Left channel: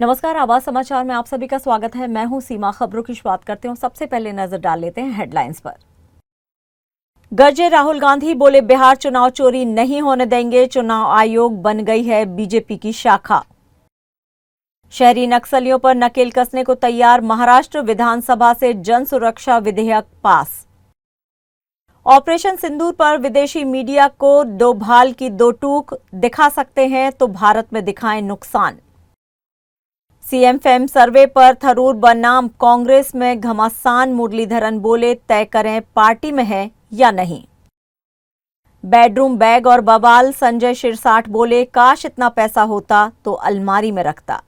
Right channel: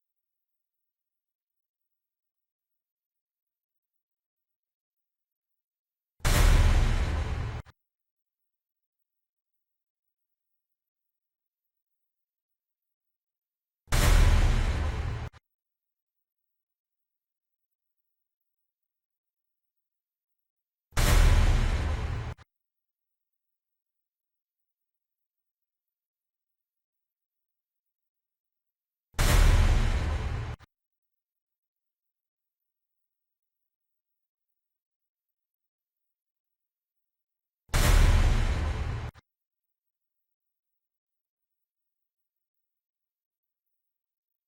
नमस्कार, आवाज समाचार में आप सभी का स्वागत है। मैं हूं सीमा। खबरों की शुरुआत करते हैं। सबसे पहले नजर डाल लेते हैं हेडलाइंस पर। गरजे राहुल गांधी, बोले बिहार चुनाव चोरी नहीं होने देंगे। चुनाव आयोग बन गई है बीजेपी की शाखा। शहरी नक्सलियों पर नकेल कसने को तैयार महाराष्ट्र विधानसभा से जन सुरक्षा विधेयक पास। ऑपरेशन सिंदूर पर विदेशी मीडिया को दो भाल की दो टूक, दिखा सकते हैं तो भारत में दिखाएं नुकसान। सीएम फेम सर्वे पर थरूर बनाम कांग्रेस में घमासान, मुरलीधरन बोले तय करें पार्टी में है या नहीं। बेडरूम बैग और बवाल, संजय शिरसाठ बोले काश इतना पैसा होता तो अलमारी में रखता।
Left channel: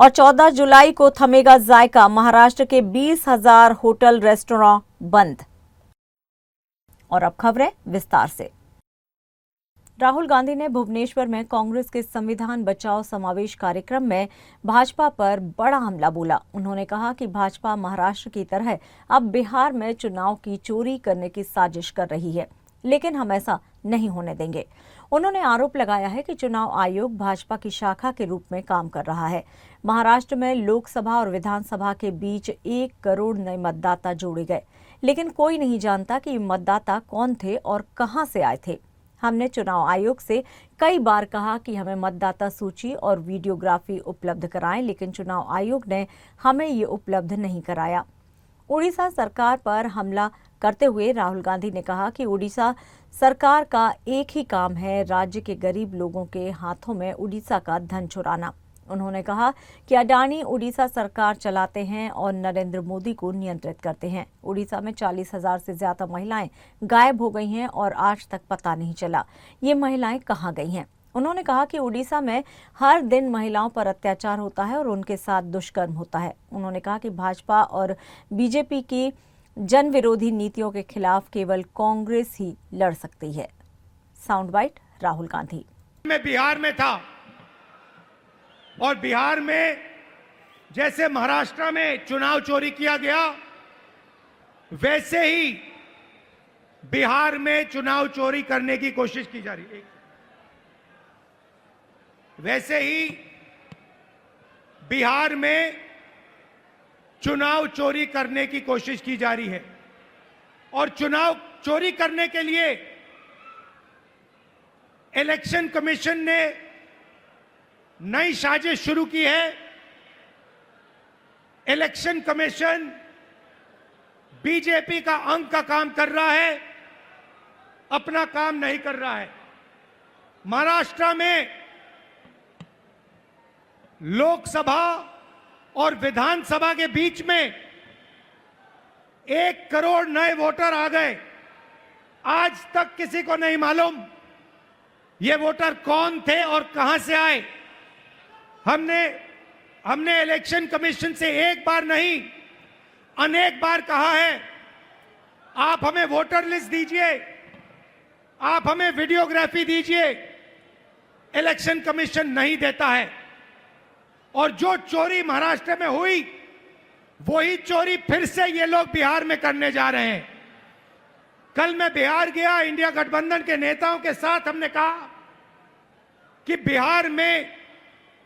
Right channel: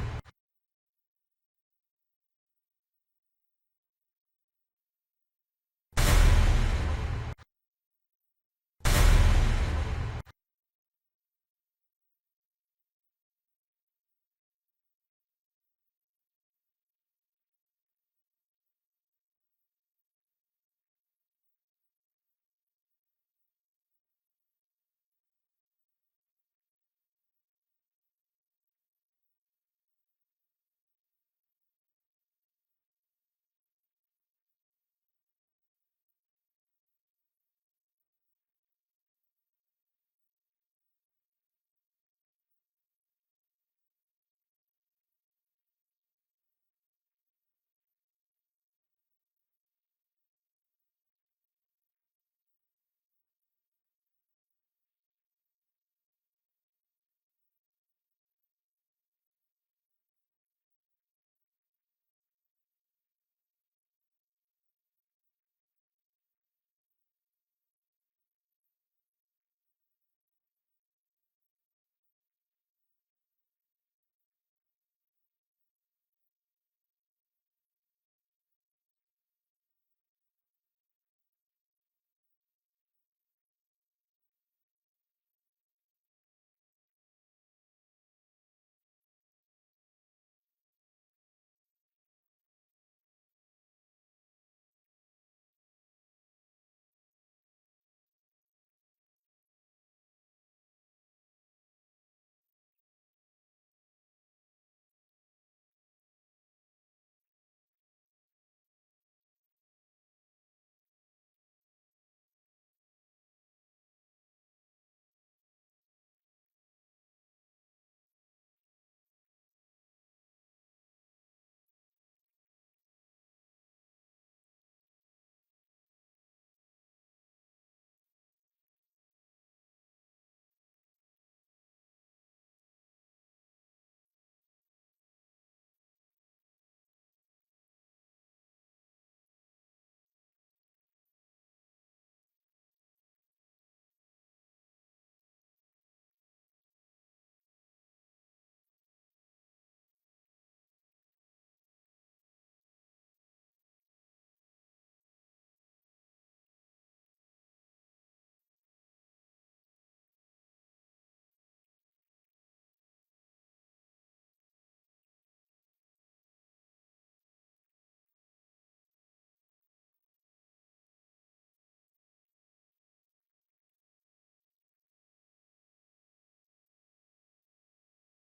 और 14 जुलाई को थमेगा जायका, महाराष्ट्र के 20,000 होटल रेस्टोरेंट बंद। और अब खबरें विस्तार से। राहुल गांधी ने भुवनेश्वर में कांग्रेस के संविधान बचाओ समावेश कार्यक्रम में भाजपा पर बड़ा हमला बोला। उन्होंने कहा कि भाजपा महाराष्ट्र की तरह अब बिहार में चुनाव की चोरी करने की साजिश कर रही है, लेकिन हम ऐसा नहीं होने देंगे। उन्होंने आरोप लगाया है कि चुनाव आयोग भाजपा की शाखा के रूप में काम कर रहा है। महाराष्ट्र में लोकसभा और विधानसभा के बीच 1 करोड़ नए मतदाता जोड़े गए, लेकिन कोई नहीं जानता कि मतदाता कौन थे और कहां से आए थे। हमने चुनाव आयोग से कई बार कहा कि हमें मतदाता सूची और वीडियोग्राफी उपलब्ध कराएं, लेकिन चुनाव आयोग ने हमें ये उपलब्ध नहीं कराया। उड़ीसा सरकार पर हमला करते हुए राहुल गांधी ने कहा कि उड़ीसा सरकार का एक ही काम है, राज्य के गरीब लोगों के हाथों में उड़ीसा का धन चुराना। उन्होंने कहा कि अडानी उड़ीसा सरकार चलाते हैं और नरेंद्र मोदी को नियंत्रित करते हैं। उड़ीसा में 40,000 से ज्यादा महिलाएं गायब हो गई हैं और आज तक पता नहीं चला ये महिलाएं कहां गई हैं। उन्होंने कहा कि उड़ीसा में हर दिन महिलाओं पर अत्याचार होता है और उनके साथ दुष्कर्म होता है। उन्होंने कहा कि भाजपा और बीजेपी की जन विरोधी नीतियों के खिलाफ केवल कांग्रेस ही लड़ सकती है। Sound bite Rahul Gandhi. मैं बिहार में था और बिहार में जैसे महाराष्ट्र में चुनाव चोरी किया गया, वैसे ही बिहार में चुनाव चोरी करने की कोशिश की जा रही है। वैसे ही बिहार में चुनाव चोरी करने की कोशिश की जा रही है और चुनाव चोरी करने के लिए इलेक्शन कमीशन ने नई साजिश शुरू की है। इलेक्शन कमीशन बीजेपी का अंग का काम कर रहा है, अपना काम नहीं कर रहा है। महाराष्ट्र में लोकसभा और विधानसभा के बीच में 1 करोड़ नए वोटर आ गए। आज तक किसी को नहीं मालूम ये वोटर कौन थे और कहां से आए। हमने इलेक्शन कमीशन से एक बार नहीं अनेक बार कहा है, आप हमें वोटर लिस्ट दीजिए, आप हमें वीडियोग्राफी दीजिए। इलेक्शन कमीशन नहीं देता है और जो चोरी महाराष्ट्र में हुई वही चोरी फिर से ये लोग बिहार में करने जा रहे हैं। कल मैं बिहार गया, इंडिया गठबंधन के नेताओं के साथ हमने कहा कि बिहार में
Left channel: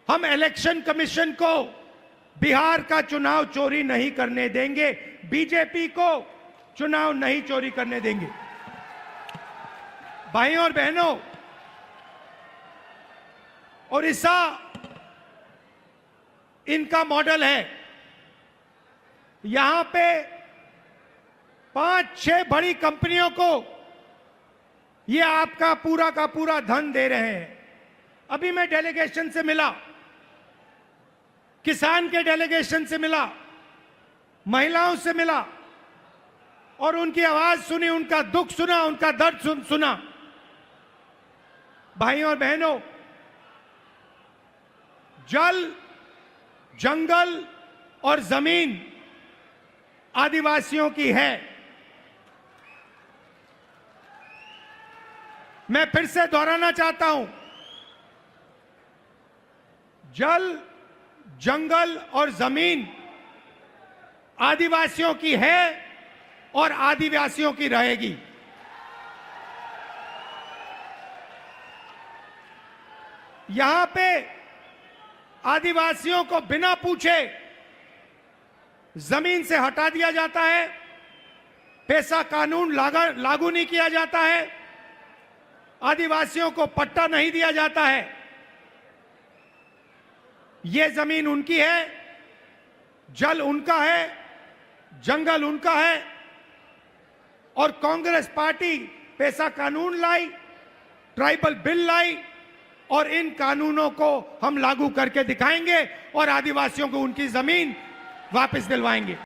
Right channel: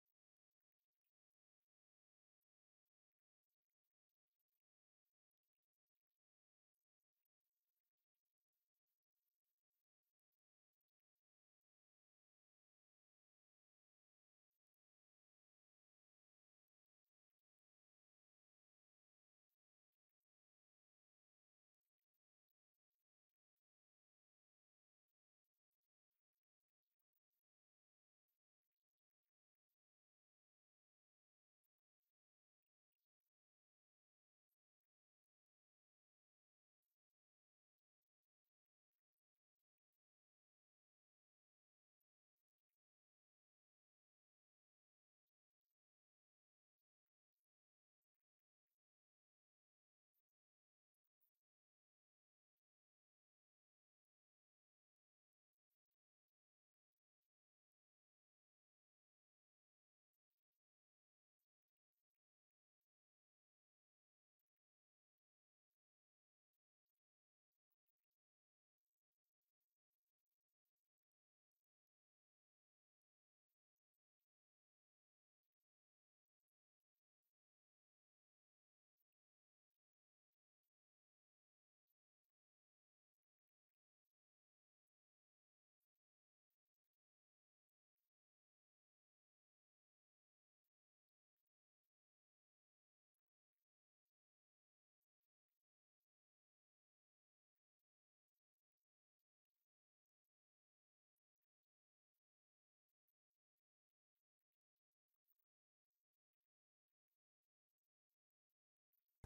हम इलेक्शन कमीशन को बिहार का चुनाव चोरी नहीं करने देंगे, बीजेपी को चुनाव नहीं चोरी करने देंगे। भाइयों और बहनों, ओडिशा इनका मॉडल है। यहां पे 5-6 बड़ी कंपनियों को ये आपका पूरा का पूरा धन दे रहे हैं। अभी मैं डेलीगेशन से मिला, किसान के डेलीगेशन से मिला, महिलाओं से मिला और उनकी आवाज सुनी, उनका दुख सुना, उनका दर्द सुना। भाइयों और बहनों, जल, जंगल और जमीन आदिवासियों की है। मैं फिर से दोहराना चाहता हूं, जल, जंगल और जमीन आदिवासियों की है और आदिवासियों की रहेगी। यहां पे आदिवासियों को बिना पूछे जमीन से हटा दिया जाता है, पेशा कानून लागू नहीं किया जाता है, आदिवासियों को पट्टा नहीं दिया जाता है। ये जमीन उनकी है, जल उनका है, जंगल उनका है, और कांग्रेस पार्टी पेशा कानून लाई, ट्राइबल बिल लाई, और इन कानूनों को हम लागू करके दिखाएंगे और आदिवासियों को उनकी जमीन वापस दिलवाएंगे।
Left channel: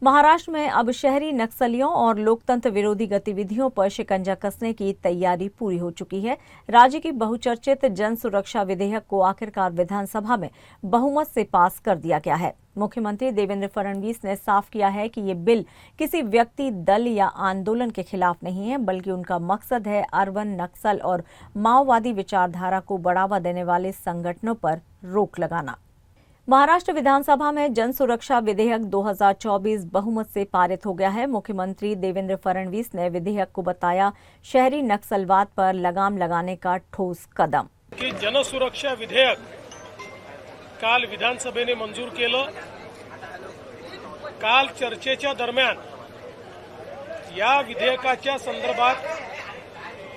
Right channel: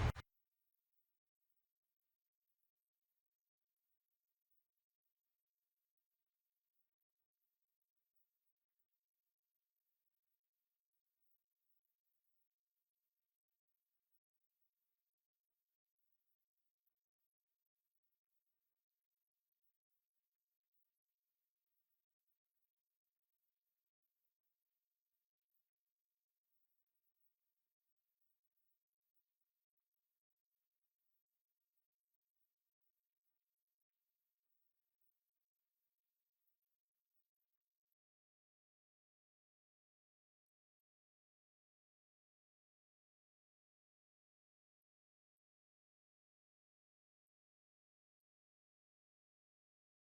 महाराष्ट्र में अब शहरी नक्सलियों और लोकतंत्र विरोधी गतिविधियों पर शिकंजा कसने की तैयारी पूरी हो चुकी है। राज्य की बहुचर्चित जन सुरक्षा विधेयक को आखिरकार विधानसभा में बहुमत से पास कर दिया गया है। मुख्यमंत्री देवेंद्र फडणवीस ने साफ किया है कि ये बिल किसी व्यक्ति, दल या आंदोलन के खिलाफ नहीं है, बल्कि उनका मकसद है अर्बन नक्सल और माओवादी विचारधारा को बढ़ावा देने वाले संगठनों पर रोक लगाना। महाराष्ट्र विधानसभा में जन सुरक्षा विधेयक 2024 बहुमत से पारित हो गया है। मुख्यमंत्री देवेंद्र फडणवीस ने विधेयक को बताया शहरी नक्सलवाद पर लगाम लगाने का ठोस कदम। की जनसुरक्षा विधेयक काल विधानसभेने मंजूर केलं। काल चर्चेच्या दरम्यान या विधेयकाच्या संदर्भात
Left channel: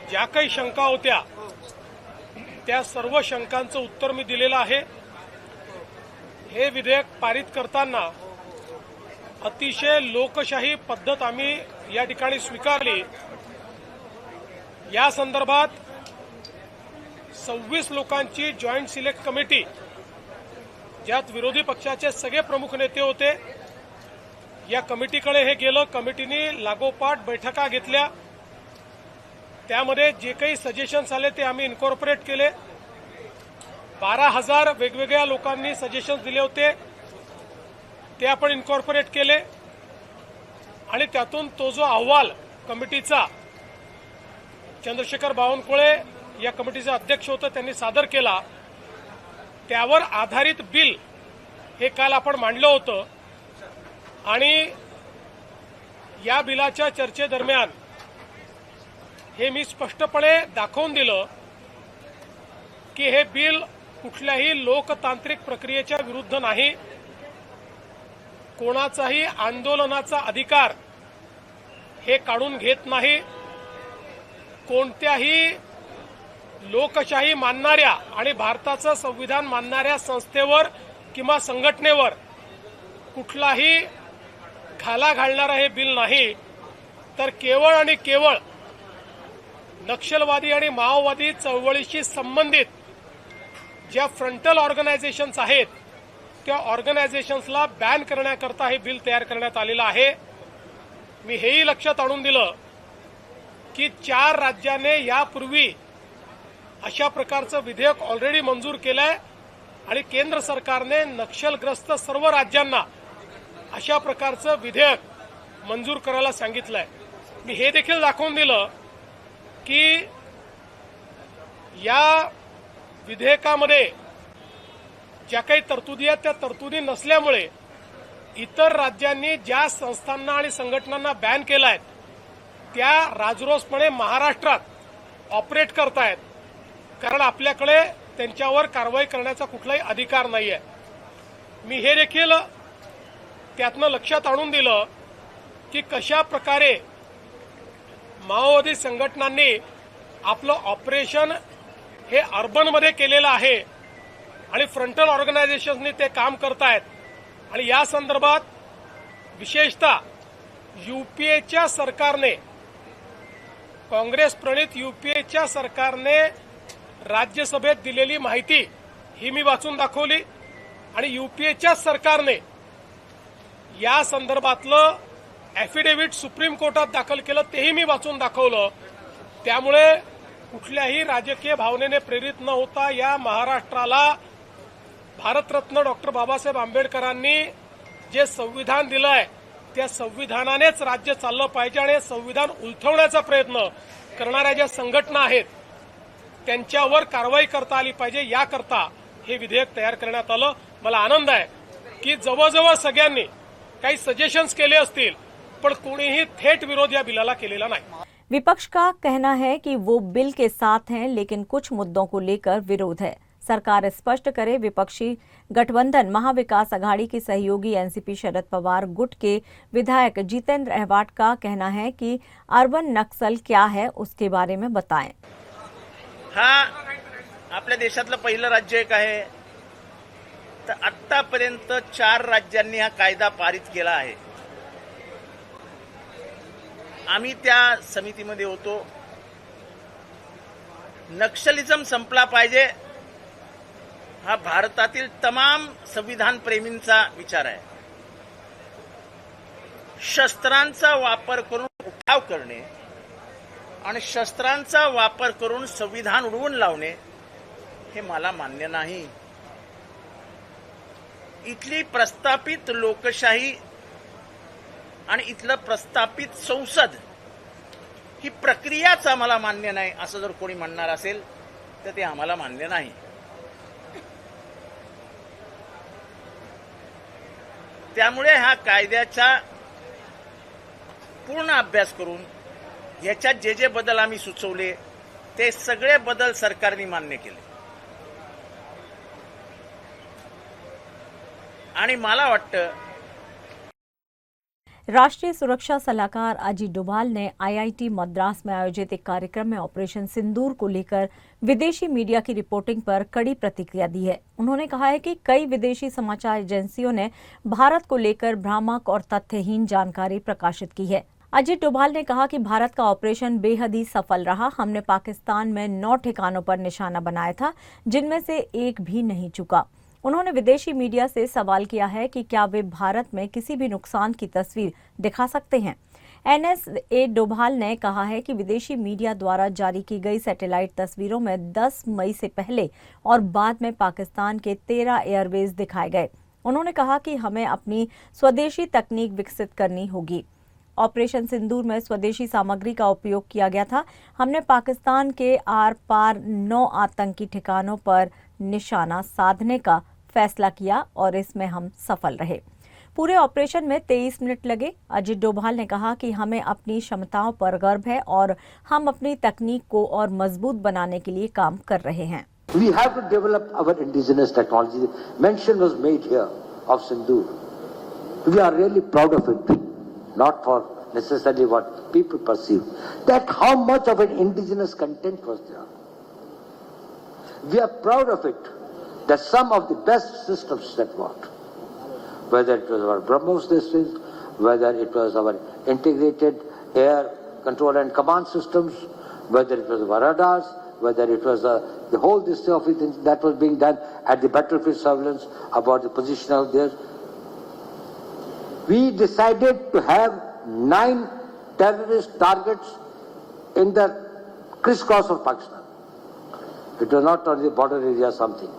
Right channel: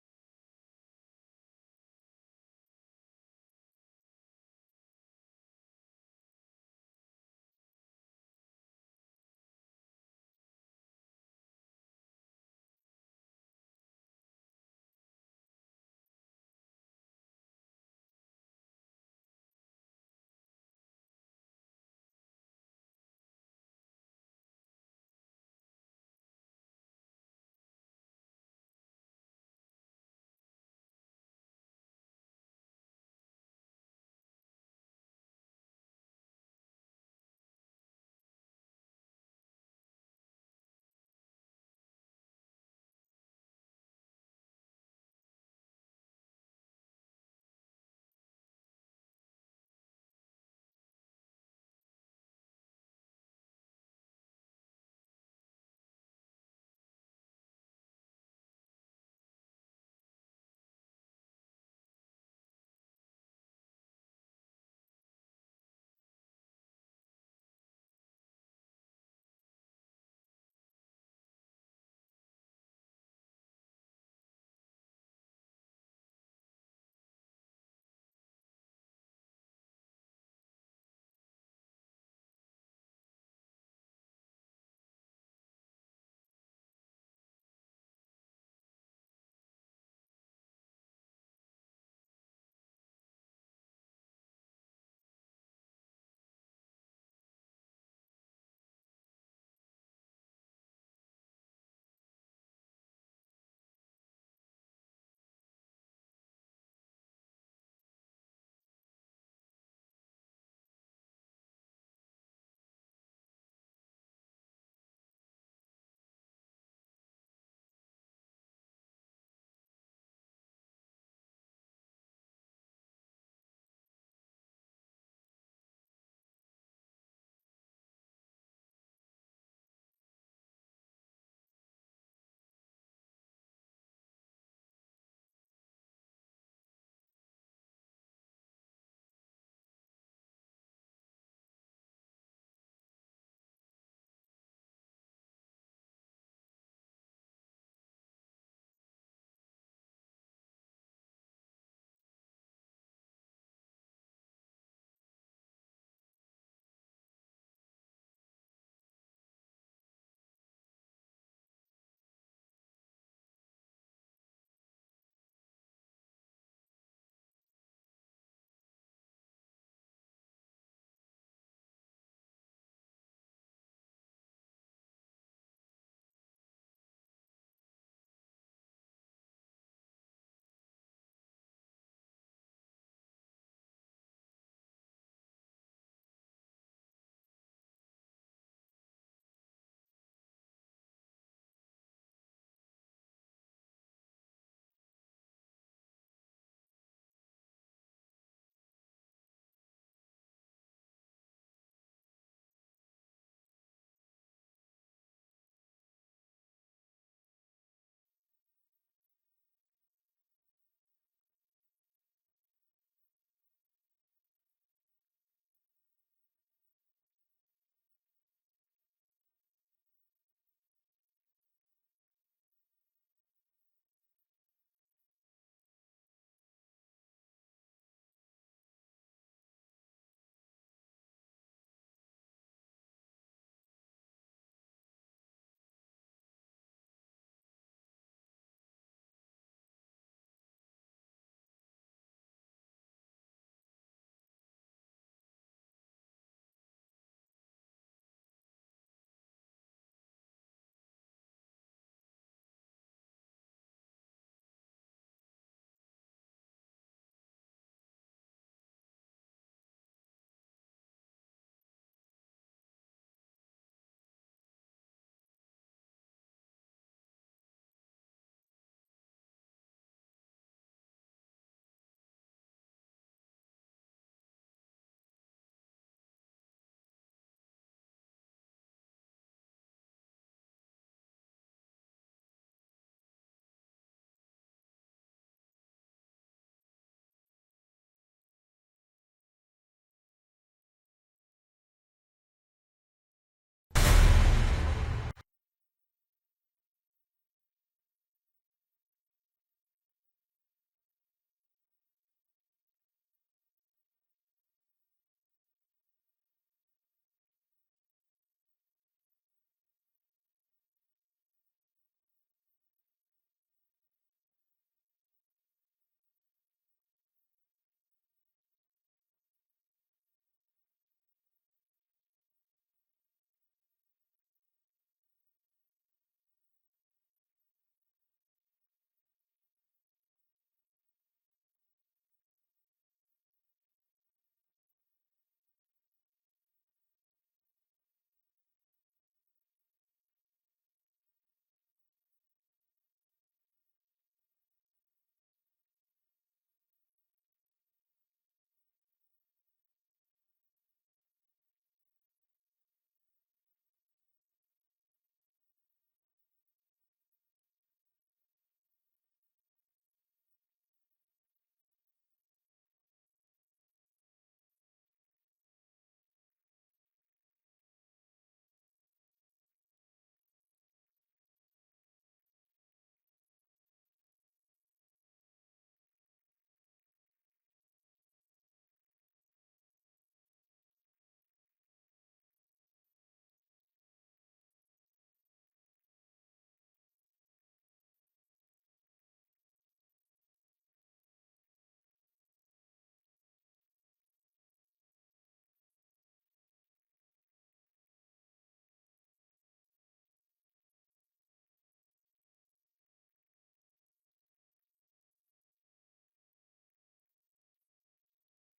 ज्या काही शंका होत्या त्या सर्व शंकांचं उत्तर मी दिलेलं आहे। हे विधेयक पारित करताना अतिशय लोकशाही पद्धत आम्ही या ठिकाणी स्वीकारली। या संदर्भात 26 लोकांची जॉईंट सिलेक्ट कमिटी, ज्यात विरोधी पक्षाचे सगळे प्रमुख नेते होते, या कमिटीकडे हे गेलं। कमिटीने लागोपाठ बैठका घेतल्या, त्यामध्ये जे काही सजेशन्स आले ते आम्ही इन्कॉर्पोरेट केले। 12,000 वेगवेगळ्या लोकांनी सजेशन्स दिले होते, ते आपण इन्कॉर्पोरेट केले आणि त्यातून तो जो अहवाल कमिटीचा चंद्रशेखर बावनकुळे या कमिटीचे अध्यक्ष होते त्यांनी सादर केला, त्यावर आधारित बिल हे काल आपण मांडलं होतं। आणि या बिलाच्या चर्चेदरम्यान हे मी स्पष्टपणे दाखवून दिलं की हे बिल कुठल्याही लोकतांत्रिक प्रक्रियेच्या विरुद्ध नाही, कोणाचाही आंदोलनाचा अधिकार हे काढून घेत नाही, कोणत्याही लोकशाही मानणाऱ्या आणि भारताचं संविधान मानणाऱ्या संस्थेवर किंवा संघटनेवर कुठलाही घाला घालणारा हे बिल नाही, तर केवळ आणि केवळ नक्षलवादी आणि माओवादी चळवळीशी संबंधित ज्या फ्रंटल ऑर्गनायझेशन्स आहेत त्या ऑर्गनायझेशन्सला बॅन करण्याकरता हे बिल तयार करण्यात आलेलं आहे। मी हेही लक्षात आणून दिलं की 4 राज्यांनी यापूर्वी अशा प्रकारचं विधेयक ऑलरेडी मंजूर केलंय आणि केंद्र सरकारने नक्षलग्रस्त सर्व राज्यांना अशा प्रकारचं विधेयक मंजूर करायला सांगितलंय। मी हे देखील दाखवून दिलं की या विधेयकामध्ये ज्या काही तरतुदी आहेत त्या तरतुदी नसल्यामुळे इतर राज्यांनी ज्या संस्थांना आणि संघटनांना बॅन केलाय त्या राजरोसपणे महाराष्ट्रात ऑपरेट करतायत, कारण आपल्याकडे त्यांच्यावर कारवाई करण्याचा कुठलाही अधिकार नाहीये। मी हे देखील त्यातनं लक्षात आणून दिलं की कशा प्रकारे माओवादी संघटनांनी आपलं ऑपरेशन हे अर्बनमध्ये केलेलं आहे आणि फ्रंटल ऑर्गनायझेशन्सनी ते काम करतायत। आणि या संदर्भात विशेषतः यूपीएच्या सरकारने, काँग्रेस प्रणित यूपीएच्या सरकारने राज्यसभेत दिलेली माहिती ही मी वाचून दाखवली आणि यूपीएच्या सरकारने या संदर्भातलं ॲफिडेव्हिट सुप्रीम कोर्टात दाखल केलं तेही मी वाचून दाखवलं। त्यामुळे कुठल्याही राजकीय भावनेने प्रेरित न होता या महाराष्ट्राला भारतरत्न डॉक्टर बाबासाहेब आंबेडकरांनी जे संविधान दिलंय त्या संविधानानेच राज्य चाललं पाहिजे आणि संविधान उलथवण्याचा प्रयत्न करणाऱ्या ज्या संघटना आहेत त्यांच्यावर कारवाई करता आली पाहिजे, याकरता हे विधेयक तयार करण्यात आलं। मला आनंद आहे की जवळजवळ सगळ्यांनी काही सजेशन्स केले असतील, पण कोणीही थेट विरोध या बिलाला केलेला नाही। विपक्ष का कहना है कि वो बिल के साथ हैं, लेकिन कुछ मुद्दों को लेकर विरोध है। सरकार स्पष्ट करे। विपक्षी गठबंधन महाविकास अघाड़ी की सहयोगी एनसीपी शरद पवार गुट के विधायक जितेंद्र अहवाट का कहना है कि अर्बन नक्सल क्या है उसके बारे में बताएं। हा आपल्या देशातलं पहिलं राज्य एक आहे, तर आतापर्यंत 4 राज्यांनी हा कायदा पारित केला आहे। आम्ही त्या समितीमध्ये होतो। नक्षलिझम संपला पाहिजे हा भारतातील तमाम संविधान प्रेमींचा विचार आहे। शस्त्रांचा वापर करून उठाव करणे आणि शस्त्रांचा वापर करून संविधान उडवून लावणे हे मला मान्य नाही। इथली प्रस्थापित लोकशाही आणि इथलं प्रस्थापित संसद ही प्रक्रियाच आम्हाला मान्य नाही असं जर कोणी म्हणणार असेल तर ते आम्हाला मान्य नाही। त्यामुळे हा कायद्याचा पूर्ण अभ्यास करून याच्यात जे जे बदल आम्ही सुचवले ते सगळे बदल सरकारने मान्य केले आणि मला वाटतं राष्ट्रीय सुरक्षा सलाहकार अजीत डोभाल ने आईआईटी मद्रास में आयोजित एक कार्यक्रम में ऑपरेशन सिंदूर को लेकर विदेशी मीडिया की रिपोर्टिंग पर कड़ी प्रतिक्रिया दी है। उन्होंने कहा है कि कई विदेशी समाचार एजेंसियों ने भारत को लेकर भ्रामक और तथ्यहीन जानकारी प्रकाशित की है। अजीत डोभाल ने कहा कि भारत का ऑपरेशन बेहद ही सफल रहा। हमने पाकिस्तान में 9 ठिकानों पर निशाना बनाया था, जिनमें से एक भी नहीं चुका। उन्होंने विदेशी मीडिया से सवाल किया है कि क्या वे भारत में किसी भी नुकसान की तस्वीर दिखा सकते हैं। एनएसए डोभाल ने कहा है कि विदेशी मीडिया द्वारा जारी की गई सैटेलाइट तस्वीरों में 10 मई से पहले और बाद में पाकिस्तान के 13 एयरवेज दिखाए गए। उन्होंने कहा कि हमें अपनी स्वदेशी तकनीक विकसित करनी होगी। ऑपरेशन सिंदूर में स्वदेशी सामग्री का उपयोग किया गया था। हमने पाकिस्तान के आर पार 9 आतंकी ठिकानों पर निशाना साधने का फैसला किया और इसमें हम सफल रहे। पूरे ऑपरेशन में 23 मिनट लगे। अजीत डोभाल ने कहा कि हमें अपनी क्षमताओं पर गर्व है और हम अपनी तकनीक को और मजबूत बनाने के लिए काम कर रहे हैं। We have to develop our indigenous technology. Mention was made here of Sindoor. We are really proud of it, not for necessarily what people perceive. That how much of an indigenous content was there. We are proud of it, that some of the best systems that worked, whether it was our BrahMos systems, whether it was our integrated air control and command systems, whether it was our radars, whether it was the whole this of it that was being done at the battlefield surveillance about the positional there. We decided to have 9 terrorist targets in the crisscross of Pakistan. It was not on the border area something,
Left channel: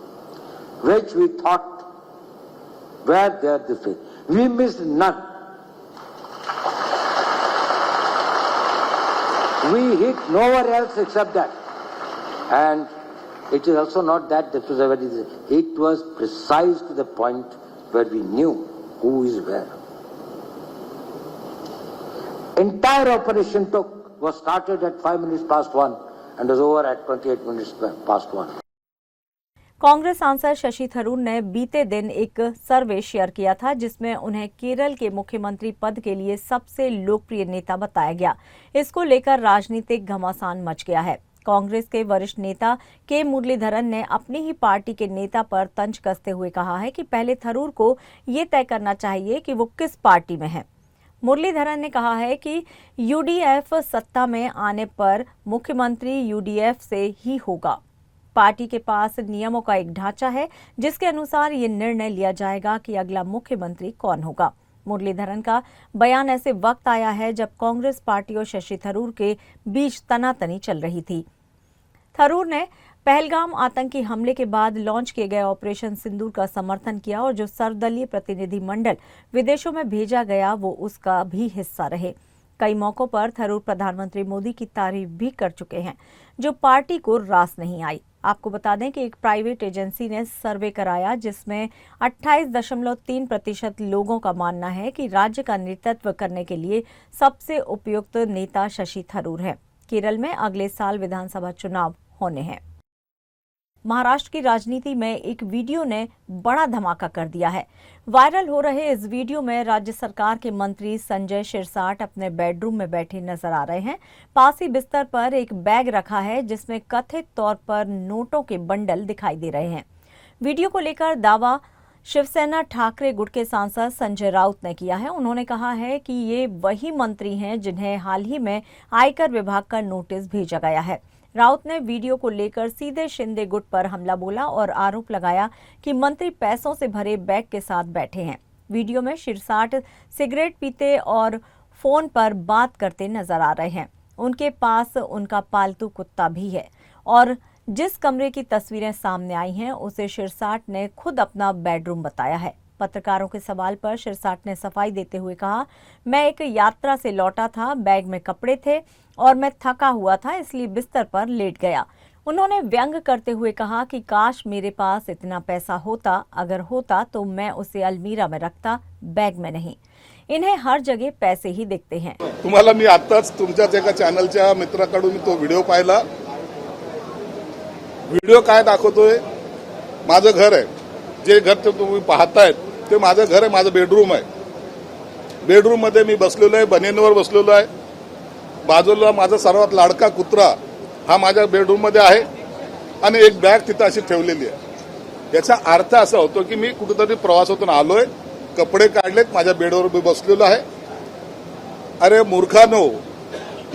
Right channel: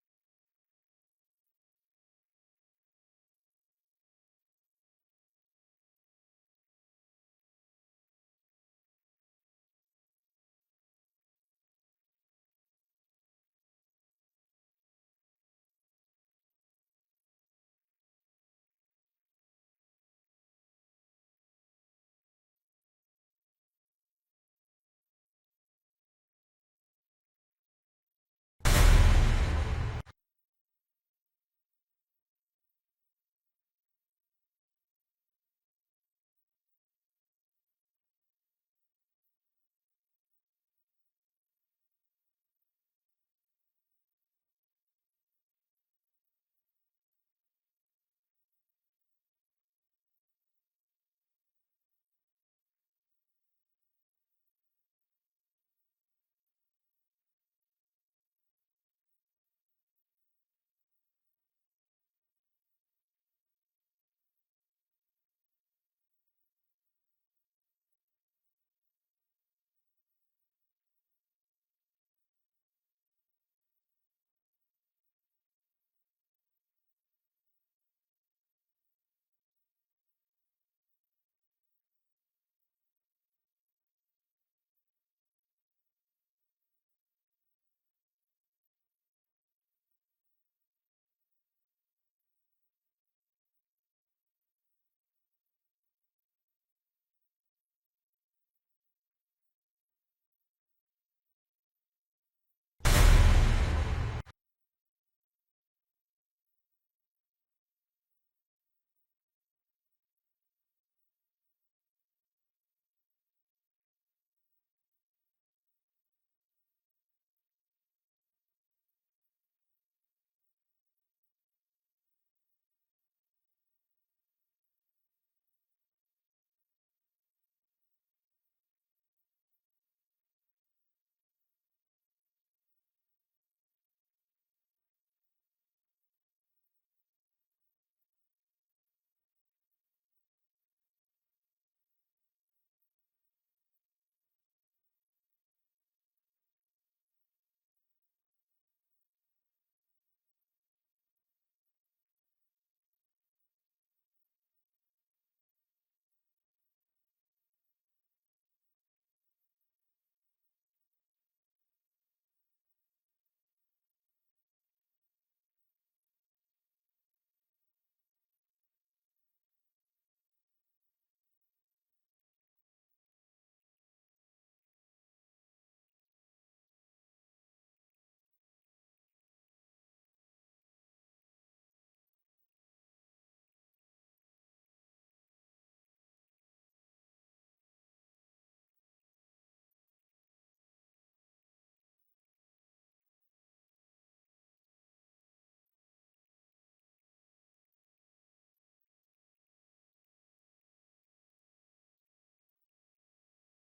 which we thought were there this way. We missed none. We hit nowhere else except that. And it is also not that this was a very, it was precise to the point where we knew who is where. Entire operation was started at 5 minutes past 1 and was over at 28 minutes past 1. Congress सांसद शशि थरूर ने बीते दिन एक सर्वे share किया था जिसमें उन्हें केरल के मुख्यमंत्री पद के लिए सबसे लोकप्रिय नेता बताया गया। इसको लेकर राजनीतिक घमासान मच गया है। कांग्रेस के वरिष्ठ नेता के मुरलीधरन ने अपनी ही पार्टी के नेता पर तंज कसते हुए कहा है कि पहले थरूर को ये तय करना चाहिए कि वो किस पार्टी में है। मुरलीधरन ने कहा है कि यूडीएफ सत्ता में आने पर मुख्यमंत्री यूडीएफ से ही होगा। पार्टी के पास नियमों का एक ढांचा है जिसके अनुसार ये निर्णय लिया जाएगा कि अगला मुख्यमंत्री कौन होगा। मुरलीधरन का बयान ऐसे वक्त आया है जब कांग्रेस पार्टी और शशि थरूर के बीच तनातनी चल रही थी। थरूर ने पहलगाम आतंकी हमले के बाद लॉन्च किए गए ऑपरेशन सिंदूर का समर्थन किया और जो सर्वदलीय प्रतिनिधि मंडल विदेशों में भेजा गया वो उसका भी हिस्सा रहे। कई मौकों पर थरूर प्रधानमंत्री मोदी की तारीफ भी कर चुके हैं, जो पार्टी को रास नहीं आई। आपको बता दें कि एक प्राइवेट एजेंसी ने सर्वे कराया जिसमें 28.3% लोगों का मानना है कि राज्य का नेतृत्व करने के लिए सबसे उपयुक्त नेता शशि थरूर है। केरल में अगले साल विधानसभा चुनाव होने हैं। महाराष्ट्र की राजनीति में एक वीडियो ने बड़ा धमाका कर दिया है। वायरल हो रहे इस वीडियो में राज्य सरकार के मंत्री संजय शिरसाट अपने बेडरूम में बैठे नजर आ रहे हैं। पास ही बिस्तर पर एक बैग रखा है जिसमें कथित तौर पर नोटों के बंडल दिखाई दे रहे हैं। वीडियो को लेकर दावा शिवसेना ठाकरे गुट के सांसद संजय राउत ने किया है। उन्होंने कहा है कि ये वही मंत्री हैं जिन्हें हाल ही में आयकर विभाग का नोटिस भेजा गया है। राउत ने वीडियो को लेकर सीधे शिंदे गुट पर हमला बोला और आरोप लगाया कि मंत्री पैसों से भरे बैग के साथ बैठे हैं। वीडियो में शिरसाट सिगरेट पीते और फोन पर बात करते नजर आ रहे हैं। उनके पास उनका पालतू कुत्ता भी है और जिस कमरे की तस्वीरें सामने आई हैं उसे शिरसाट ने खुद अपना बेडरूम बताया है। पत्रकारों के सवाल पर शिरसाट ने सफाई देते हुए कहा, मैं एक यात्रा से लौटा था, बैग में कपड़े थे और मैं थका हुआ था इसलिए बिस्तर पर लेट गया। उन्होंने व्यंग करते हुए कहा कि काश मेरे पास इतना पैसा होता, अगर होता तो मैं उसे अलमीरा में रखता, बैग में नहीं। इन्हें हर जगह पैसे ही दिखते हैं। तुम्हाला मी आताच तुमच्याच एका चॅनलच्या मित्राकडून तो व्हिडिओ पाहिला। व्हिडिओ काय दाखवतोय? माझं घर आहे, जे घर ते तुम्ही पाहतायत ते माझं घर आहे, माझं बेडरूम आहे। बेडरूम मध्ये मी बसलेलो आहे, बनियनवर बसलेलो आहे। बाजूला माझा सर्वात लाडका कुत्रा हा माझ्या बेडरूम मध्ये आहे आणि एक बॅग तिथे अशी ठेवलेली आहे। याचा अर्थ असा होतो की मी कुठेतरी प्रवासातून आलोय, कपडे काढलेत, माझ्या बेडवर मी बसलेलो आहे। अरे मूर्खानो,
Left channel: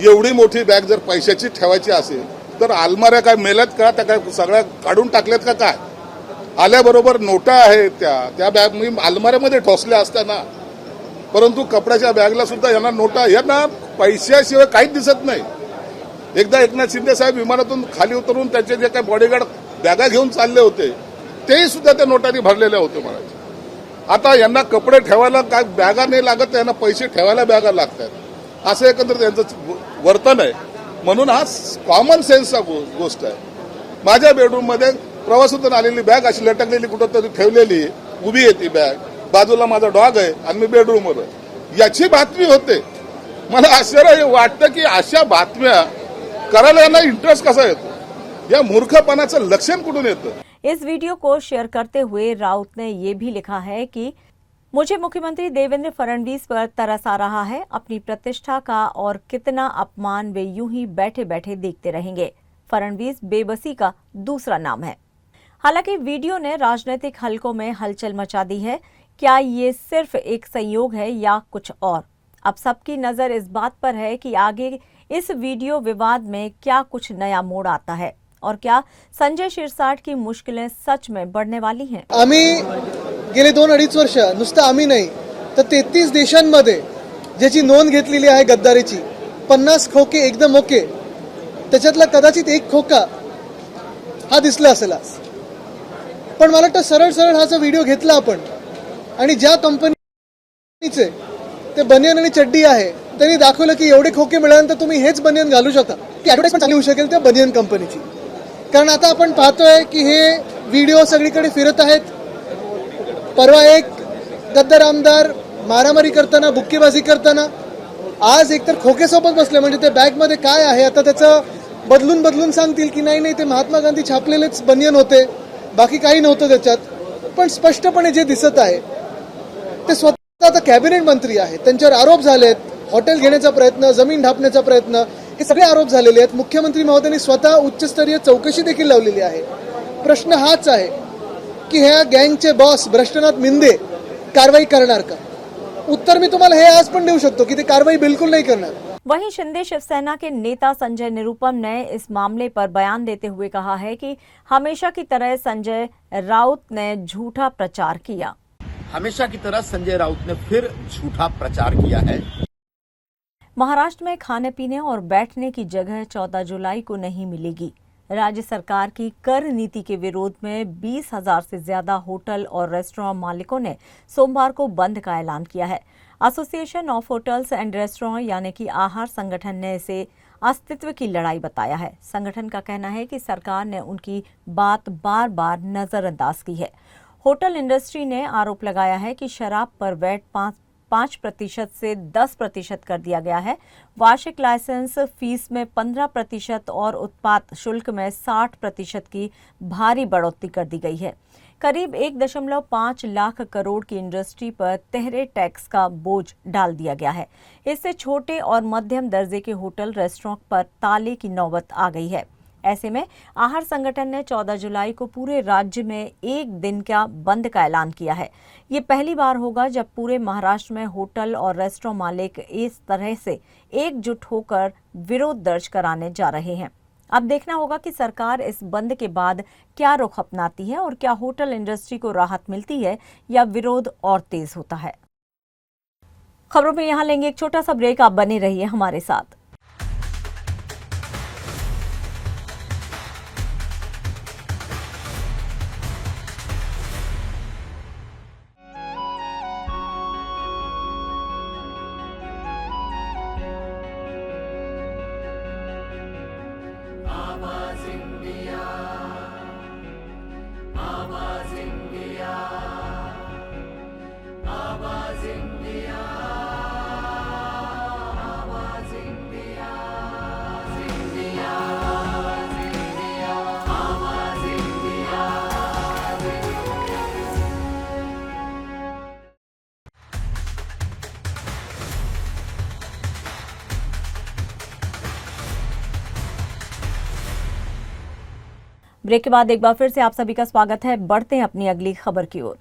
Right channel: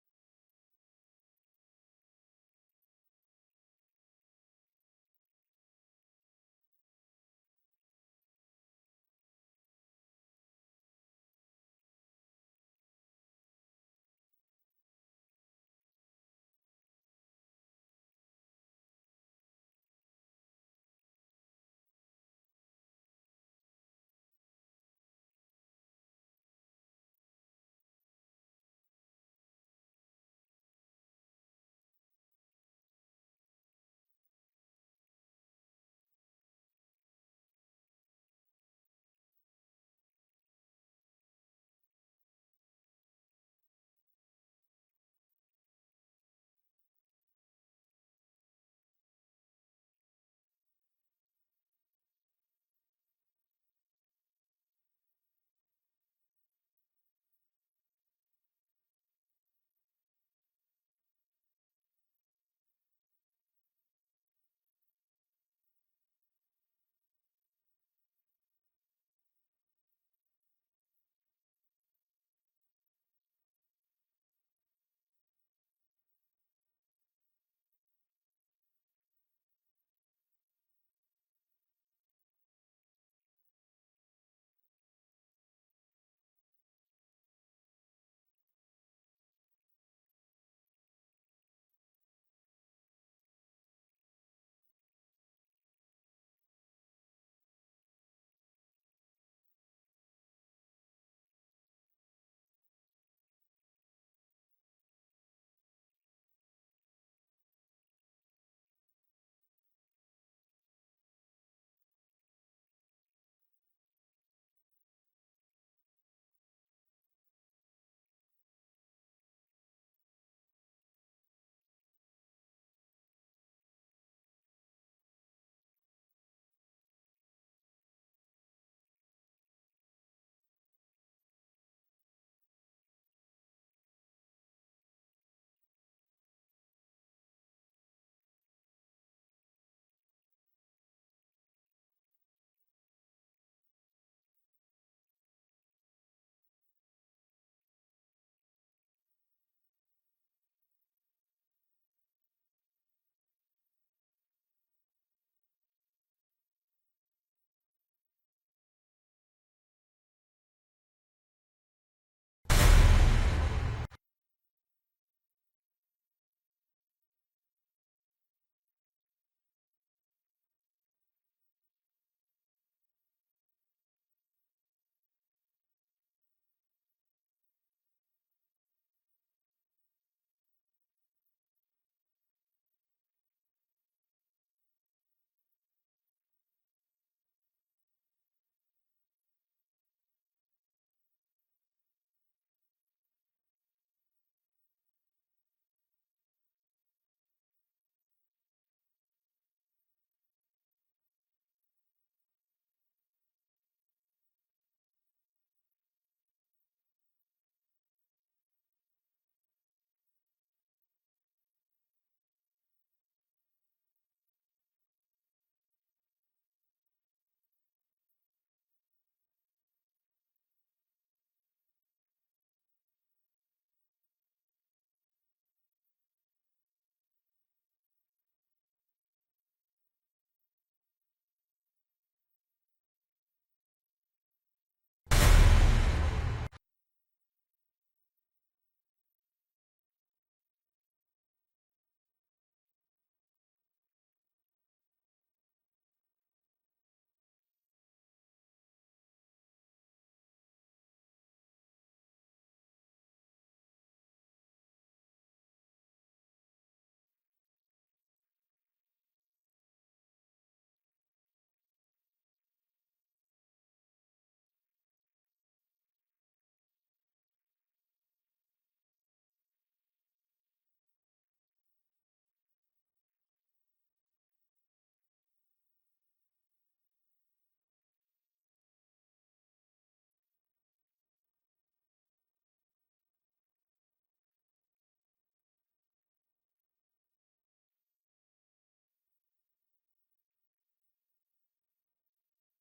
एवढी मोठी बॅग जर पैशाची ठेवायची असेल तर अलमाऱ्या काय मेल्यात का? त्या काय सगळ्या काढून टाकल्यात का काय? आल्याबरोबर नोटा आहेत त्या बॅग मी अलमाऱ्यामध्ये ठोसल्या असताना, परंतु कपड्याच्या बॅगला सुद्धा यांना नोटा, यांना पैशाशिवाय काहीच दिसत नाही। एकदा एकनाथ शिंदे साहेब विमानातून खाली उतरून त्यांचे जे काही बॉडीगार्ड बॅगा घेऊन चालले होते तेही सुद्धा त्या नोटांनी भरलेल्या होते महाराज। आता यांना कपडे ठेवायला काय बॅगा नाही लागत, यांना पैसे ठेवायला बॅगा लागतात, असं एकंदर त्यांचं वर्तन आहे। म्हणून हा कॉमन सेन्सचा गोष्ट आहे। माझ्या बेडरूम मध्ये प्रवासातून आलेली बॅग अशी लटकलेली कुठंतरी ठेवलेली उभी आहे, ती बॅग बाजूला माझा डॉग आहे आणि मी बेडरूमवर आहे, याची बातमी होते। मला आश्चर्य वाटतं की अशा बातम्या करायला यांना इंटरेस्ट कसा येतो? या मूर्खपणाचं लक्षण कुठून येतं? इस वीडियो को शेयर करते हुए राउत ने ये भी लिखा है कि मुझे मुख्यमंत्री देवेंद्र फडणवीस पर तरस आ रहा है। अपनी प्रतिष्ठा का और कितना अपमान वे यूं ही बैठे बैठे देखते रहेंगे। फडणवीस बेबसी का दूसरा नाम है। हालांकि वीडियो ने राजनीतिक हलकों में हलचल मचा दी है। क्या ये सिर्फ एक संयोग है या कुछ और? अब सबकी नजर इस बात पर है कि आगे इस वीडियो विवाद में क्या कुछ नया मोड़ आता है और क्या संजय शिरसाट की मुश्किलें सच में बढ़ने वाली हैं? आम्ही गेले 2-2.5 वर्ष, नुसतं आम्ही नाही तर 33 देशांमध्ये ज्याची नोंद घेतलेली आहे गद्दारीची, 50 खोके एकदम ओके, त्याच्यातला कदाचित एक खोका हा दिसला असेल आज। पण मला वाटतं सरळ सरळ हा जो व्हिडिओ घेतला आपण आणि ज्या कंपनीचे ते बनियन आणि चड्डी आहे त्यांनी दाखवलं की एवढे खोके मिळाल्यानंतर तुम्ही हेच बनियन घालू शकता, ती ॲडव्हर्टाइजमेंट चालू होऊ शकेल त्या बनियन कंपनीची। कारण आता आपण पाहतोय की हे व्हिडिओ सगळीकडे फिरत आहेत। परवा एक गद्दार आमदार मारामारी करताना, बुक्केबाजी करताना, आज एकतर खोकेसोबत बसले, म्हणजे ते बॅगमध्ये काय आहे आता त्याचं बदलून सांगतील की नाही ते महात्मा गांधी छापलेलेच बनियन होते, बाकी काही नव्हतं त्याच्यात। पण स्पष्टपणे जे दिसत आहे ते स्वतः आता कॅबिनेट मंत्री आहेत, त्यांच्यावर आरोप झालेत, हॉटेल घेण्याचा प्रयत्न, जमीन ढापण्याचा प्रयत्न, हे सगळे आरोप झालेले आहेत। मुख्यमंत्री महोदयांनी स्वतः उच्चस्तरीय चौकशी देखील लावलेली आहे। प्रश्न हाच आहे की ह्या गँगचे बॉस भ्रष्टनाथ मिंदे कारवाई करणार का? उत्तर मी तुम्हाला हे आज पण देऊ शकतो की ते कारवाई बिल्कुल नहीं करणार। वहीं शिंदे शिवसेना के नेता संजय निरुपम ने इस मामले पर बयान देते हुए कहा है कि हमेशा की तरह संजय राउत ने झूठा प्रचार किया। हमेशा की तरह संजय राउत ने फिर झूठा प्रचार किया है। महाराष्ट्र में खाने पीने और बैठने की जगह 14 जुलाई को नहीं मिलेगी। राज्य सरकार की कर नीति के विरोध में 20,000 से ज्यादा होटल और रेस्टोरेंट मालिकों ने सोमवार को बंद का ऐलान किया है। Association of hotels and restaurant यानी कि आहार संगठन ने इसे अस्तित्व की लड़ाई बताया है। संगठन का कहना है कि सरकार ने उनकी बात बार बार नजरअंदाज की है। होटल इंडस्ट्री ने आरोप लगाया है कि शराब पर वैट 5% से 10% कर दिया गया है। वार्षिक लाइसेंस फीस में 15% और उत्पाद शुल्क में 60% की भारी बढ़ोतरी कर दी गई है। करीब 1.5 लाख करोड़ की इंडस्ट्री पर तिहरे टैक्स का बोझ डाल दिया गया है। इससे छोटे और मध्यम दर्जे के होटल रेस्टोरेंट पर ताले की नौबत आ गई है। ऐसे में आहार संगठन ने 14 जुलाई को पूरे राज्य में एक दिन का बंद का ऐलान किया है। ये पहली बार होगा जब पूरे महाराष्ट्र में होटल और रेस्टोरेंट मालिक इस तरह से एकजुट होकर विरोध दर्ज कराने जा रहे हैं। अब देखना होगा कि सरकार इस बंद के बाद क्या रुख अपनाती है और क्या होटल इंडस्ट्री को राहत मिलती है या विरोध और तेज होता है। खबरों में यहाँ लेंगे एक छोटा सा ब्रेक, आप बने रहिए हमारे साथ। ब्रेक के बाद एक बार फिर से आप सभी का स्वागत है। बढ़ते हैं अपनी अगली खबर की ओर।